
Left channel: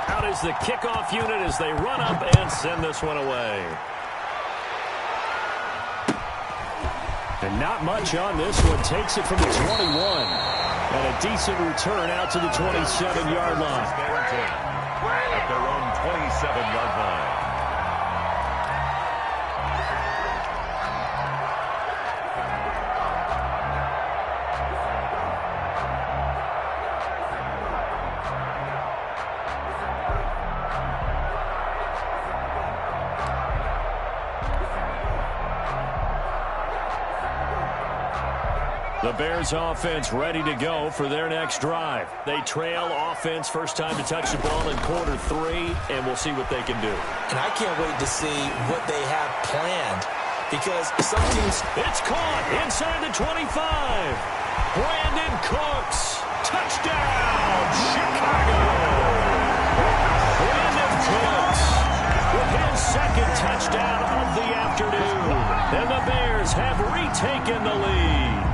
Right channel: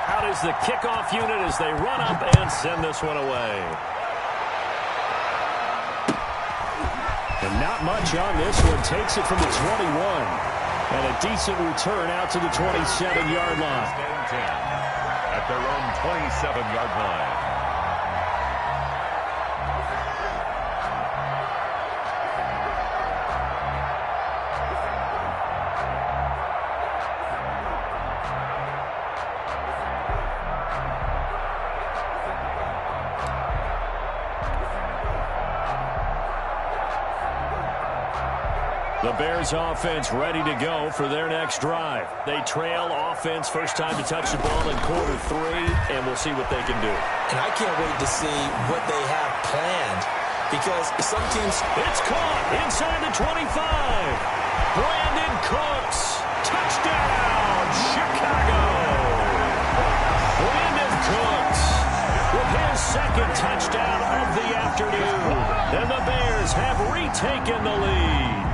Out is the kickoff unit as they run up and send this one away. And not much on this one. Takes it from the 21. And a decent return out to the 27-yard line. At their own 27-yard line. The Bears offense ready to go for their next drive. They trail offense first time to touch the ball in quarter 3, and we'll see what they can do. And I can't wait to see what they have planned because some teams... It's caught inside the 25. Brandon Cooks. Touchdown, Chicago. Brandon Cooks with his 2nd touchdown of the afternoon. And the Bears have retaken the lead.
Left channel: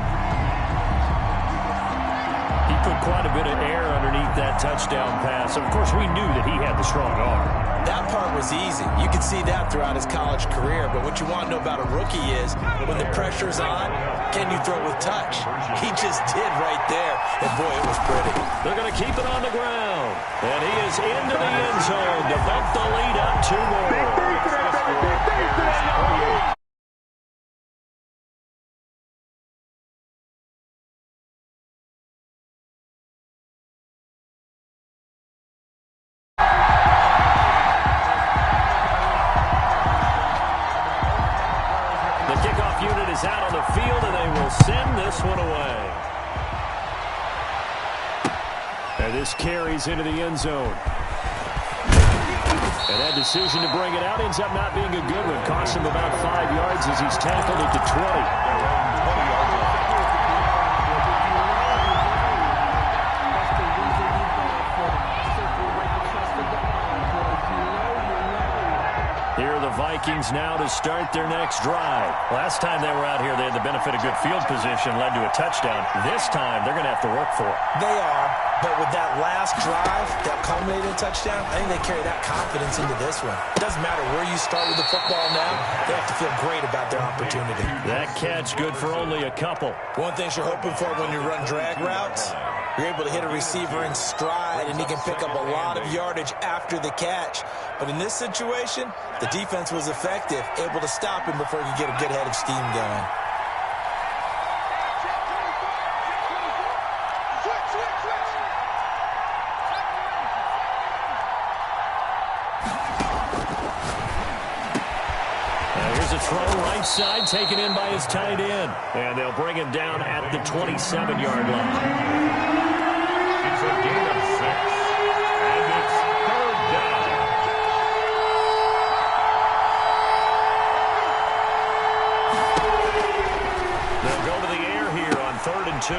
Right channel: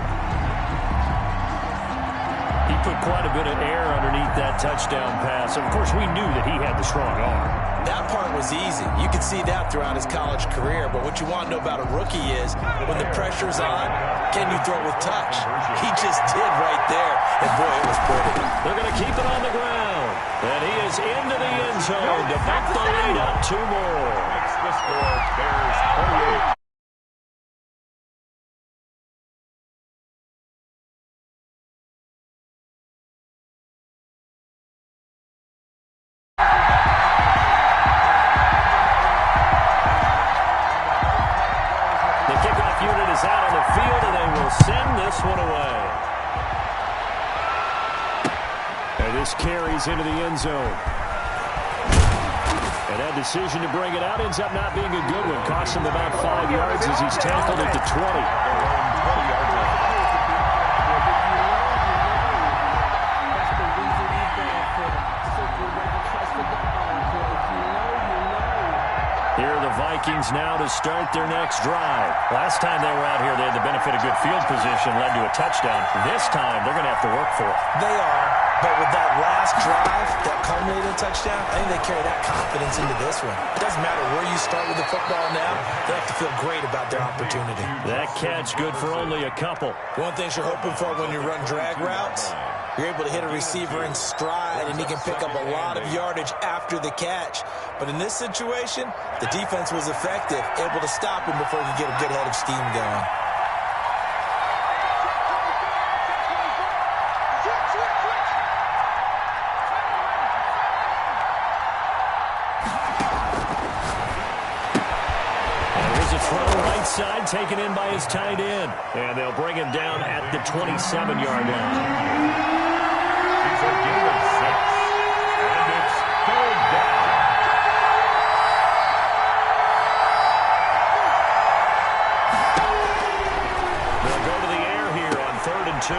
He put quite a bit of air underneath that touchdown pass. Of course, we knew that he had the strong arm. That part was easy. You could see that throughout his college career. But what you want to know about a rookie is when the pressure's on, can you throw with touch? He just did right there. And, boy, it was pretty. They're going to keep it on the ground. And he is into the end zone to bump the lead up 2 more. The score, Bears 28. The kickoff unit is out on the field, and they will send this one away. And this carries into the end zone. And that decision to bring it out ends up not being a good one. Costs him about 5 yards as he's tackled at the 20. 20-yard line. Here are the Vikings now to start their next drive. Last time they were out here, they had the benefit of good field position, led to a touchdown. This time, they're going to have to work for it. They are, but with that last drive that culminated in a touchdown, I think they carry that confidence into this one. It doesn't matter where you start with the football now. They have to feel great about their opportunity. That catch good for only a couple. One thing you're hoping for when you run drag routes, you're able to hit a receiver in stride, and he can pick up a lot of yardage after the catch. But in this situation, the defense was effective, able to stop him before he could get a good head of steam going. And here's a throw right side, taken in by his tight end. And they'll bring him down at the 27-yard line. It's a gain of 6, and it's 3rd down. They'll go to the air here on 3rd and 2.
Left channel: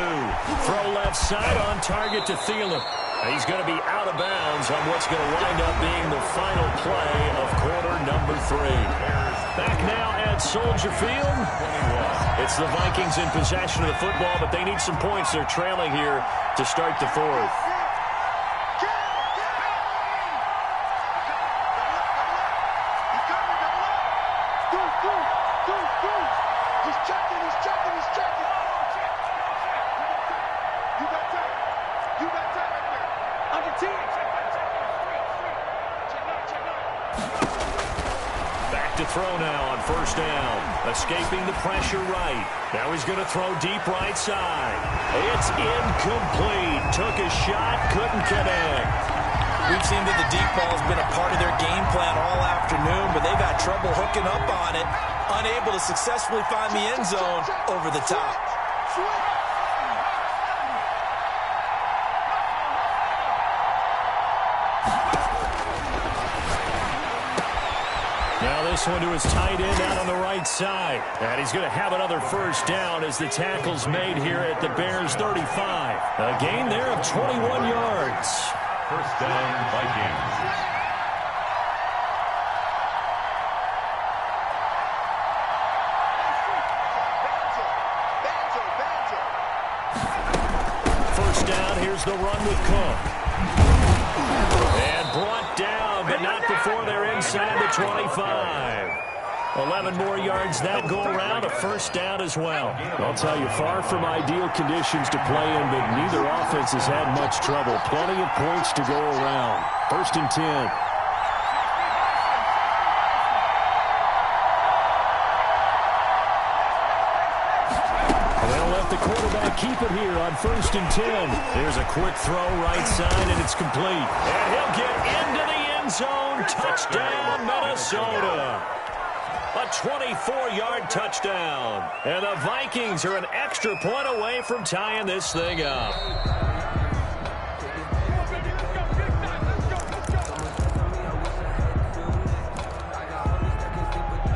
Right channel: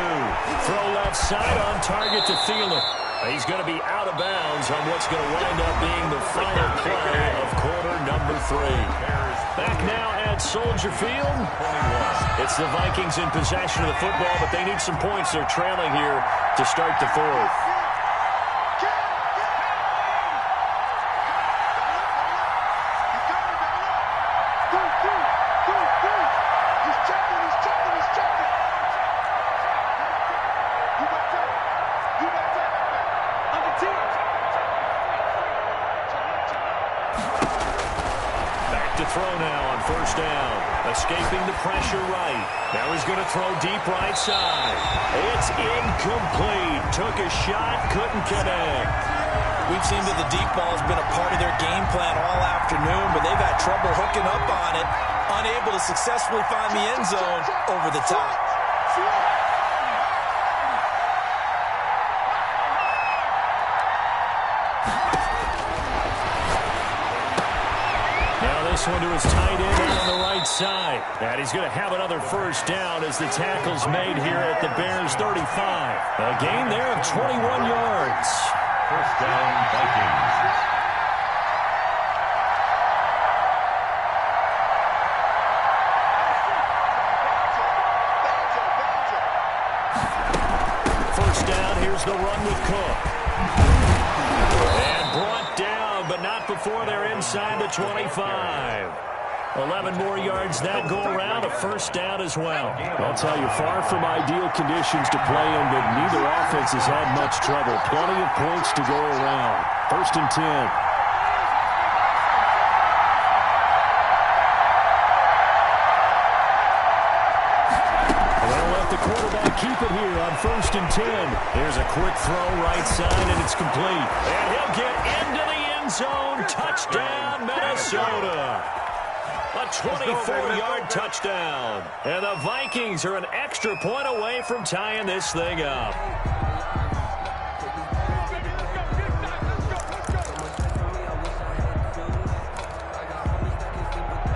Throw left side on target to Thielen. He's going to be out of bounds on what's going to wind up being the final play of quarter number 3. Back now at Soldier Field. It's the Vikings in possession of the football, but they need some points. They're trailing here to start the 4th. Back to throw now on 1st down. Escaping the pressure right. Now he's going to throw deep right side. It's incomplete. Took a shot, couldn't connect. We've seen that the deep ball has been a part of their game plan all afternoon, but they've had trouble hooking up on it, unable to successfully find the end zone over the top. Now this one to his tight end out on the right side. And he's going to have another 1st down as the tackle's made here at the Bears' 35. A gain there of 21 yards. 1st down, Vikings. First down, here's the run with Cook. And brought down, but not before they're inside the 25. 11 more yards that go around, a 1st down as well. I'll tell you, far from ideal conditions to play in, but neither offense has had much trouble. Plenty of points to go around. 1st and 10. The quarterback keep it here on 1st and 10. There's a quick throw right side, and it's complete. And he'll get into the end zone. Touchdown, Minnesota. A 24-yard touchdown. And the Vikings are an extra point away from tying this thing up.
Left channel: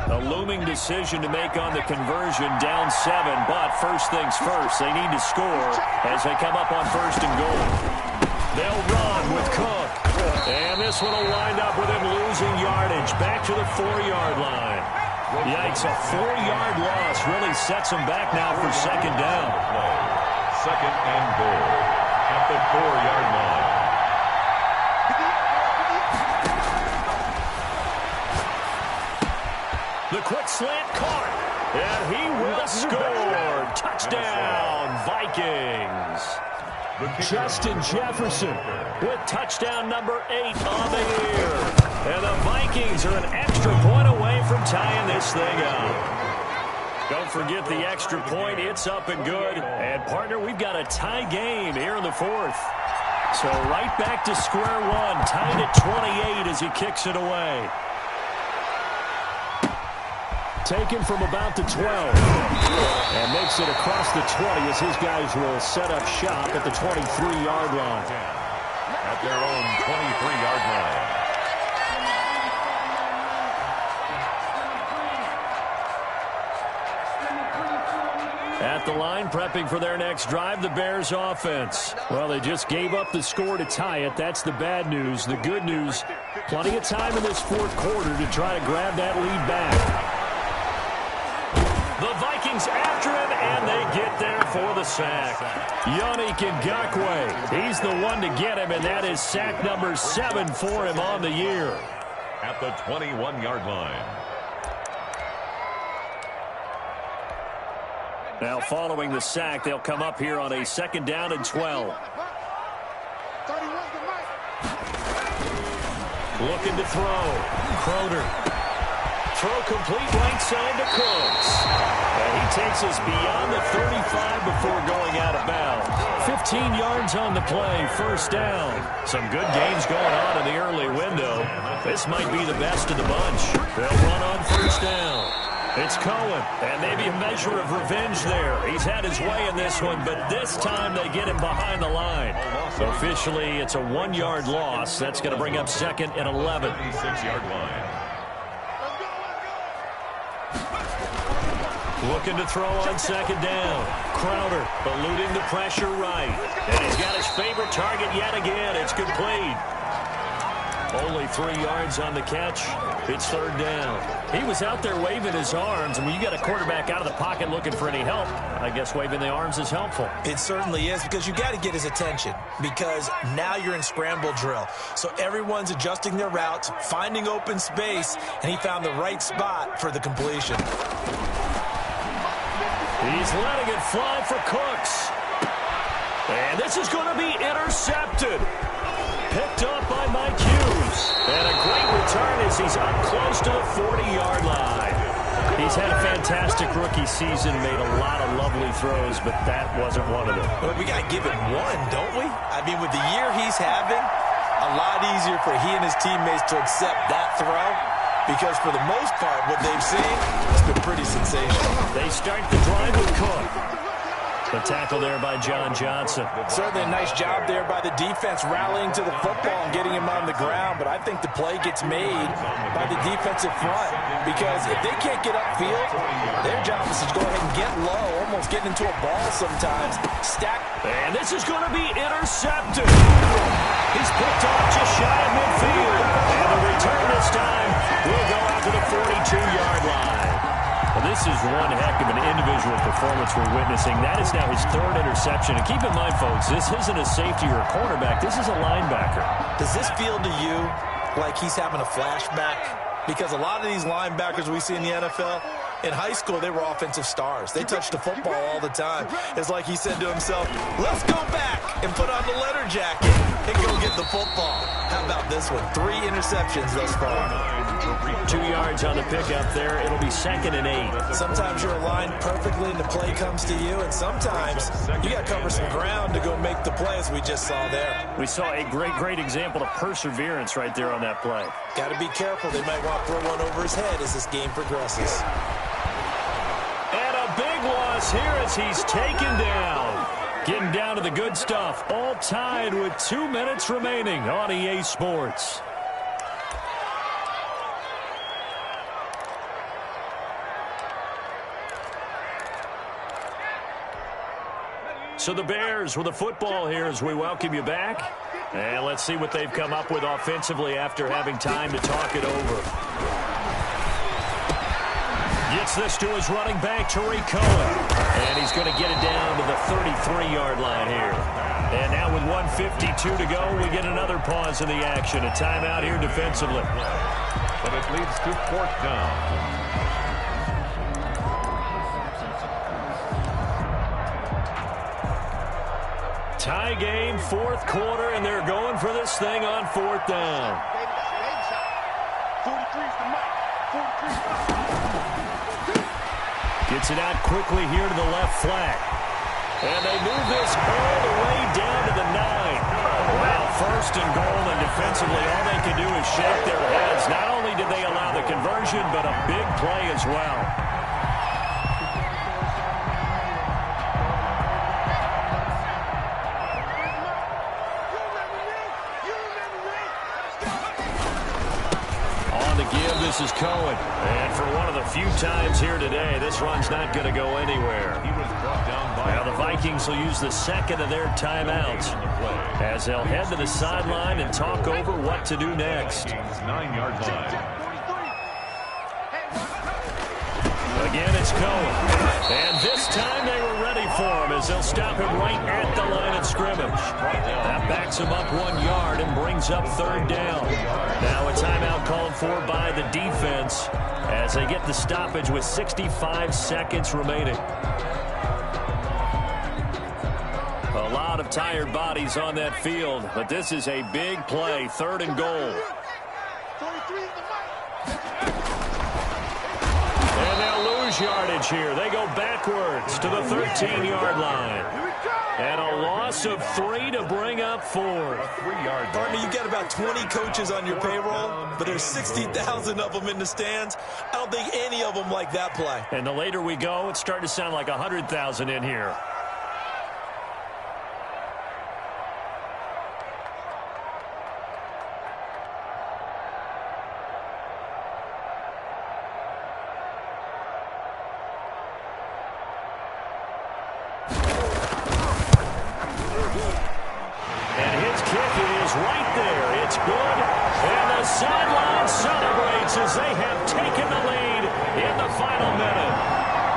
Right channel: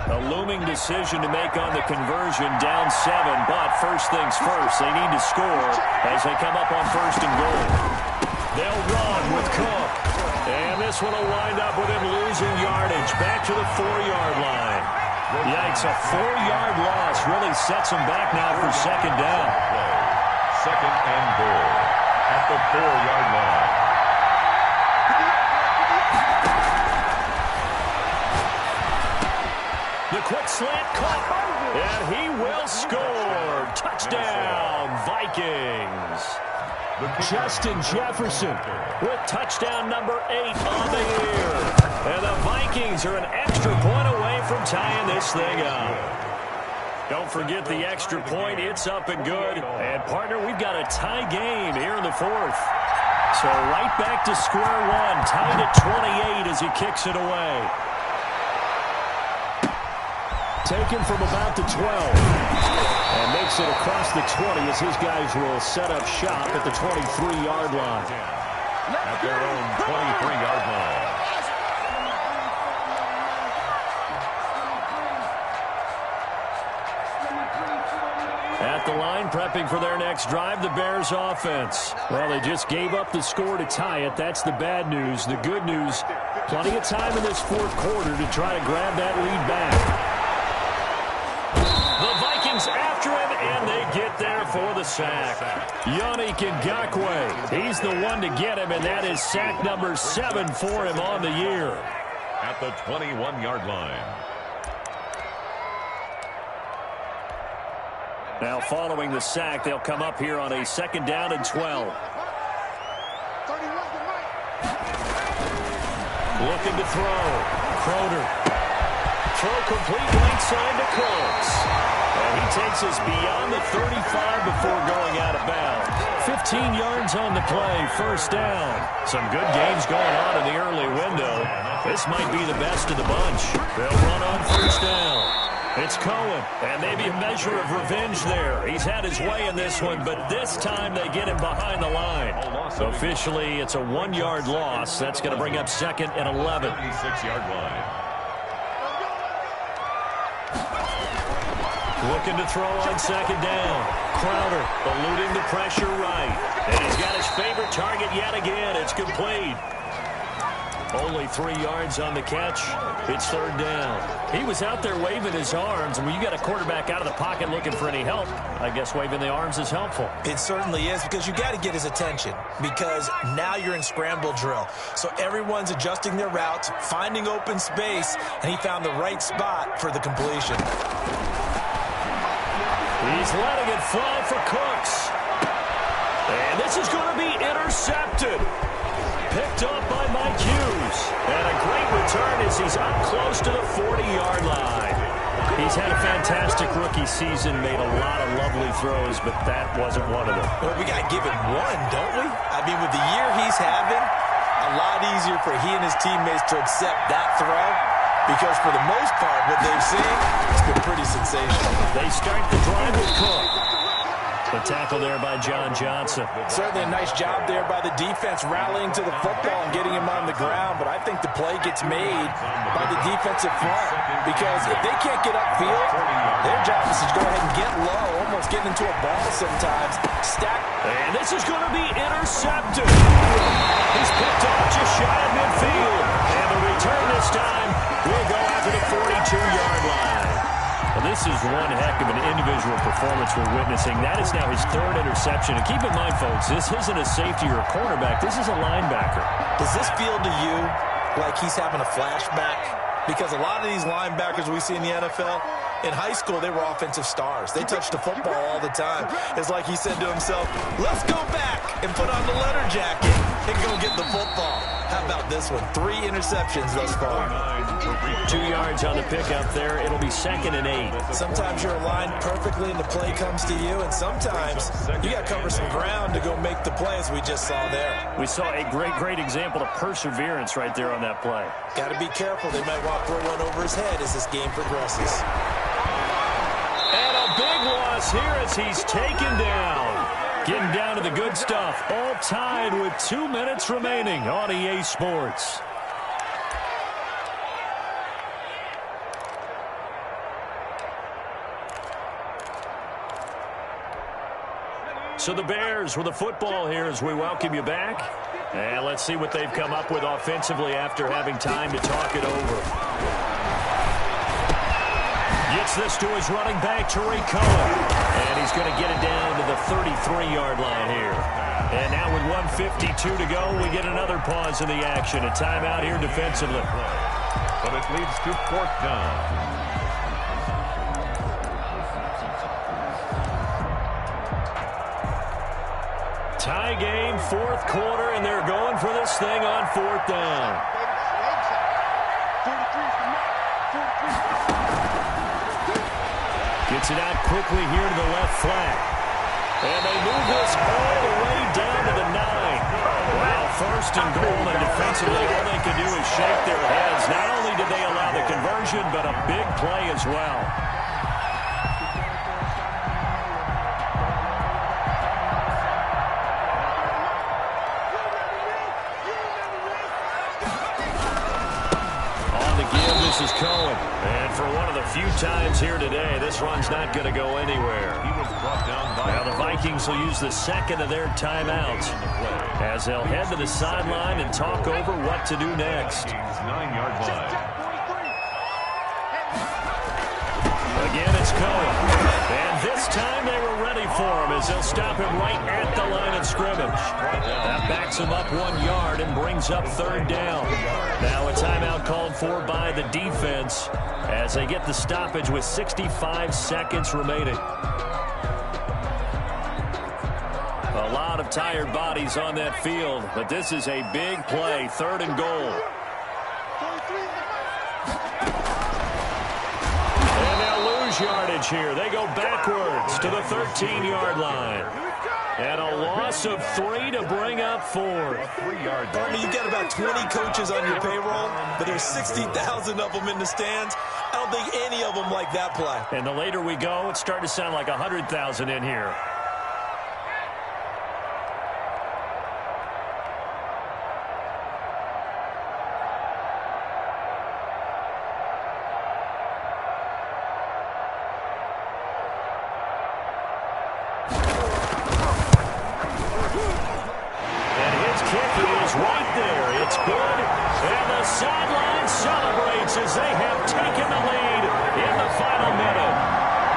A looming decision to make on the conversion, down 7, but first things first, they need to score as they come up on 1st and goal. They'll run with Cook, and this one will wind up with him losing yardage back to the 4-yard line. Yikes, a 4-yard loss really sets him back now for 2nd down. 2nd and goal at the 4-yard line. The quick slant caught. And he will score. Touchdown, Vikings. Justin Jefferson with touchdown number 8 on the year. And the Vikings are an extra point away from tying this thing up. Don't forget the extra point. It's up and good. And, partner, we've got a tie game here in the 4th. So right back to square one, tied at 28 as he kicks it away. Taken from about the 12. And makes it across the 20 as his guys will set up shop at the 23-yard line. At their own 23-yard line. At the line, prepping for their next drive, the Bears offense. Well, they just gave up the score to tie it. That's the bad news. The good news, plenty of time in this 4th quarter to try to grab that lead back. The Vikings after him, and they get there for the sack. Yannick Ngakoue, he's the one to get him, and that is sack number 7 for him on the year. At the 21-yard line. Now following the sack, they'll come up here on a 2nd down and 12. Looking to throw. Crowder. Throw complete right side to Cooks. And he takes us beyond the 35 before going out of bounds. 15 yards on the play, 1st down. Some good games going on in the early window. This might be the best of the bunch. They'll run on 1st down. It's Cohen, and maybe a measure of revenge there. He's had his way in this one, but this time they get him behind the line. Officially, it's a 1-yard loss. That's going to bring up 2nd and 11. 36-yard line. Looking to throw on 2nd down. Crowder eluding the pressure right. And he's got his favorite target yet again. It's complete. Only 3 yards on the catch. It's 3rd down. He was out there waving his arms, and when you got a quarterback out of the pocket looking for any help, I guess waving the arms is helpful. It certainly is, because you got to get his attention, because now you're in scramble drill. So everyone's adjusting their routes, finding open space, and he found the right spot for the completion. He's letting it fly for Cooks. And this is going to be intercepted. Picked up by Mike Hughes. And a great return as he's up close to the 40-yard line. He's had a fantastic rookie season, made a lot of lovely throws, but that wasn't one of them. Well, we got to give him one, don't we? I mean, with the year he's having, a lot easier for he and his teammates to accept that throw, because for the most part, what they've seen, it's been pretty sensational. They start the drive with Cook. The tackle there by John Johnson. Certainly a nice job there by the defense, rallying to the football and getting him on the ground. But I think the play gets made by the defensive front, because if they can't get upfield, their job is to go ahead and get low, almost getting into a ball sometimes. Stack. And this is going to be intercepted. He's picked off just shy of midfield. And the return this time will go out to the 42-yard line. Well, this is one heck of an individual performance we're witnessing. That is now his 3rd interception. And keep in mind, folks, this isn't a safety or a cornerback. This is a linebacker. Does this feel to you like he's having a flashback? Because a lot of these linebackers we see in the NFL, in high school, they were offensive stars. They touched the football all the time. It's like he said to himself, let's go back and put on the leather jacket and go get the football. How about this one? 3 interceptions thus far. 2 yards on the pickup there. It'll be 2nd and 8. Sometimes you're aligned perfectly and the play comes to you, and sometimes you got to cover some ground to go make the play, as we just saw there. We saw a great example of perseverance right there on that play. Got to be careful. They might want to throw one over his head as this game progresses. And a big loss here as he's taken down. Getting down to the good stuff. All tied with 2 minutes remaining on EA Sports. So the Bears with the football here as we welcome you back. And let's see what they've come up with offensively after having time to talk it over. Gets this to his running back, Tariq Cohen. And he's going to get it down to the 33-yard line here. And now with 1:52 to go, we get another pause in the action. A timeout here defensively. But it leads to 4th down. Tie game, fourth quarter, and they're going for this thing on fourth down. 43's the mic. 43's the mic. Gets it out quickly here to the left flat. And they move this all the way down to the 9. Wow, first and goal, and defensively all they can do is shake their heads. Not only did they allow the conversion, but a big play as well. This is Cohen. And for one of the few times here today, this run's not going to go anywhere. He was brought down by now the Vikings will use the second of their timeouts as they'll head to the sideline and talk over what to do next. 9-yard line. Again, it's Cohen. And this time they were ready for him as they'll stop him right at the line of scrimmage. That backs him up 1 yard and brings up third down. Now a timeout called for by the defense as they get the stoppage with 65 seconds remaining. A lot of tired bodies on that field, but this is a big play, third and goal. 43's the mic. And they'll lose yardage here. They go backwards to the 13-yard line. And a loss of 3 to bring up 4. 3-yard Partner, you got about 20 coaches on your payroll, but there's 60,000 of them in the stands. I don't think any of them like that play. And the later we go, it's starting to sound like 100,000 in here. Right there, it's good, and the sideline celebrates as they have taken the lead in the final minute.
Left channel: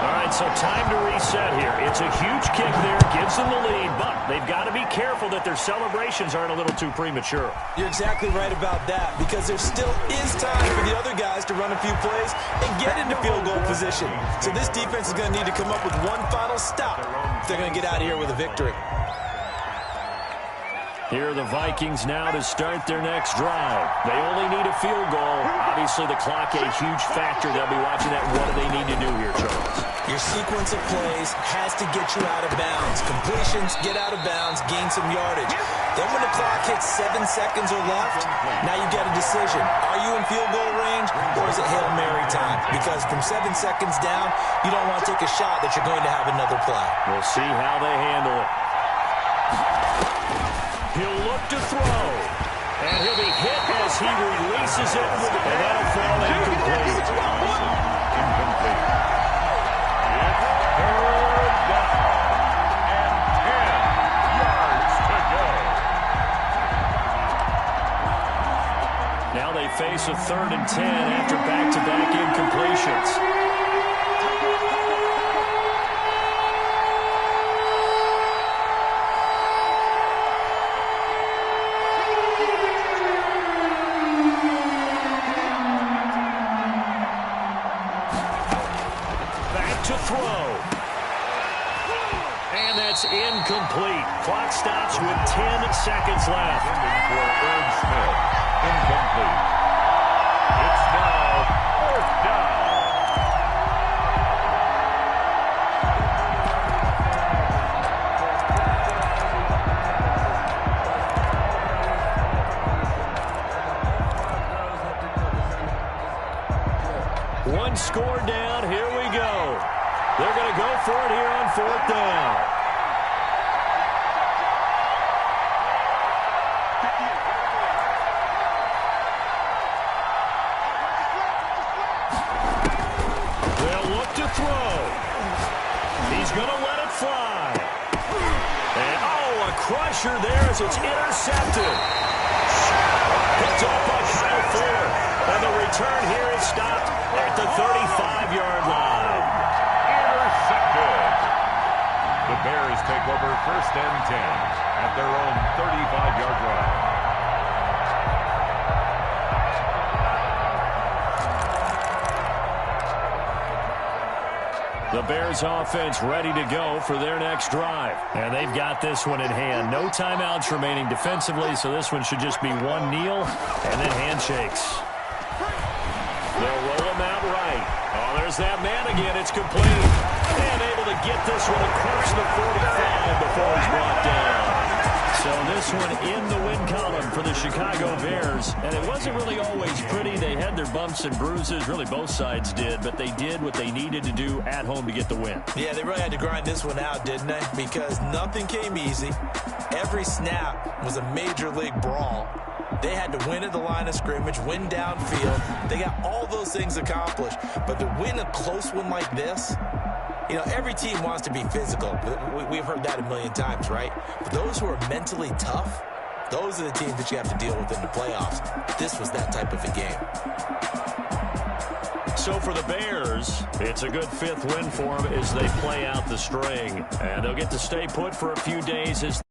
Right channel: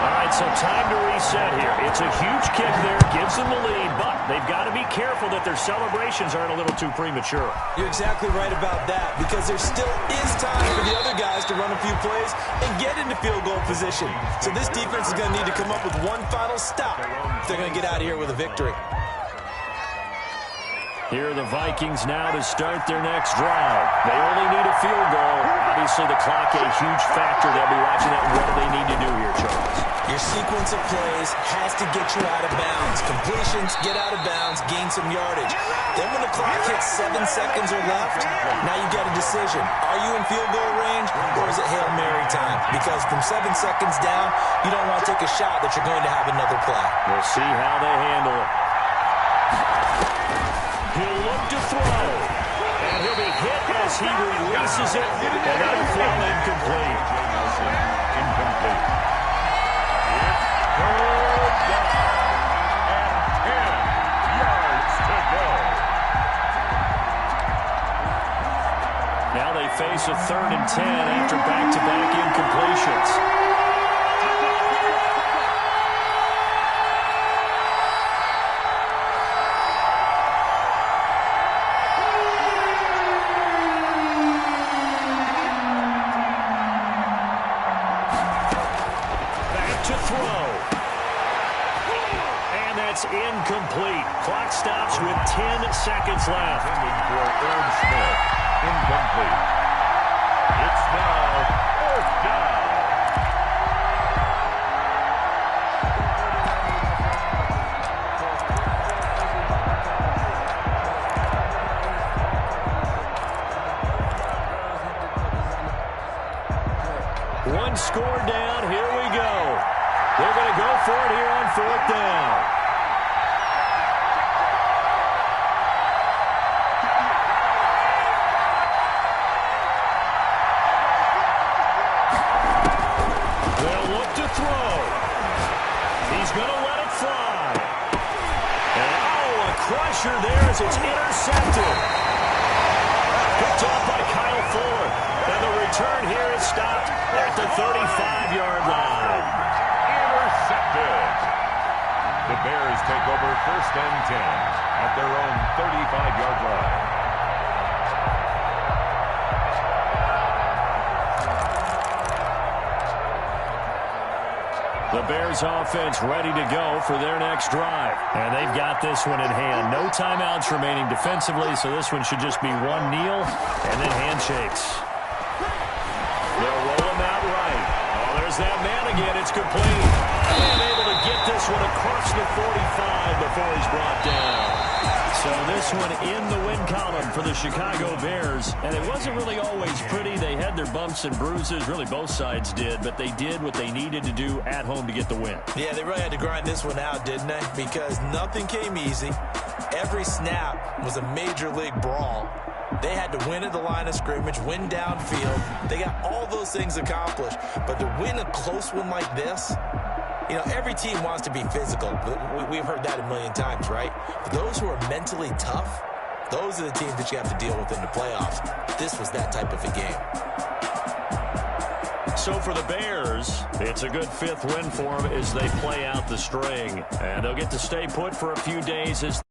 All right, so time to reset here. It's a huge kick there, gives them the lead, but they've got to be careful that their celebrations aren't a little too premature. You're exactly right about that, because there still is time for the other guys to run a few plays and get into field goal position. So this defense is going to need to come up with one final stop if they're going to get out of here with a victory. Here are the Vikings now to start their next drive. They only need a field goal. Obviously, the clock a huge factor. They'll be watching that. What do they need to do here, Charles? Your sequence of plays has to get you out of bounds. Completions, get out of bounds, gain some yardage. Then when the clock hits 7 seconds or left, now you get a decision. Are you in field goal range, or is it Hail Mary time? Because from 7 seconds down, you don't want to take a shot that you're going to have another play. We'll see how they handle it. He'll look to throw, and he'll be hit as he releases it, and that'll fall incomplete. Incomplete. It's third down and 10 yards to go. Now they face a 3rd and 10 after back-to-back incompletions. Incomplete. Clock stops with 10 seconds left. Intended for Irv Smith. Incomplete. It's now 4th down. One score down. Here we go. They're going to go for it here on 4th down. Throw. He's going to let it fly. And, a crusher there as it's intercepted. Picked off by Kyle Fuller. And the return here is stopped at the 35-yard line. Intercepted. The Bears take over 1st and 10 at their own 35-yard line. The Bears offense ready to go for their next drive. And they've got this one in hand. No timeouts remaining defensively, so this one should just be one kneel and then handshakes. They'll roll him out right. Oh, there's that man again. It's complete. And able to get this one across the 45 before he's brought down. So this one in the win column for the Chicago Bears. And it wasn't really always pretty. They had their bumps and bruises. Really, both sides did. But they did what they needed to do at home to get the win. Yeah, they really had to grind this one out, didn't they? Because nothing came easy. Every snap was a major league brawl. They had to win at the line of scrimmage, win downfield. They got all those things accomplished. But to win a close one like this, you know, every team wants to be physical. We've heard that a million times, right? But those who are mentally tough, those are the teams that you have to deal with in the playoffs. This was that type of a game. So for the Bears, it's a good fifth win for them as they play out the string. And they'll get to stay put for a few days as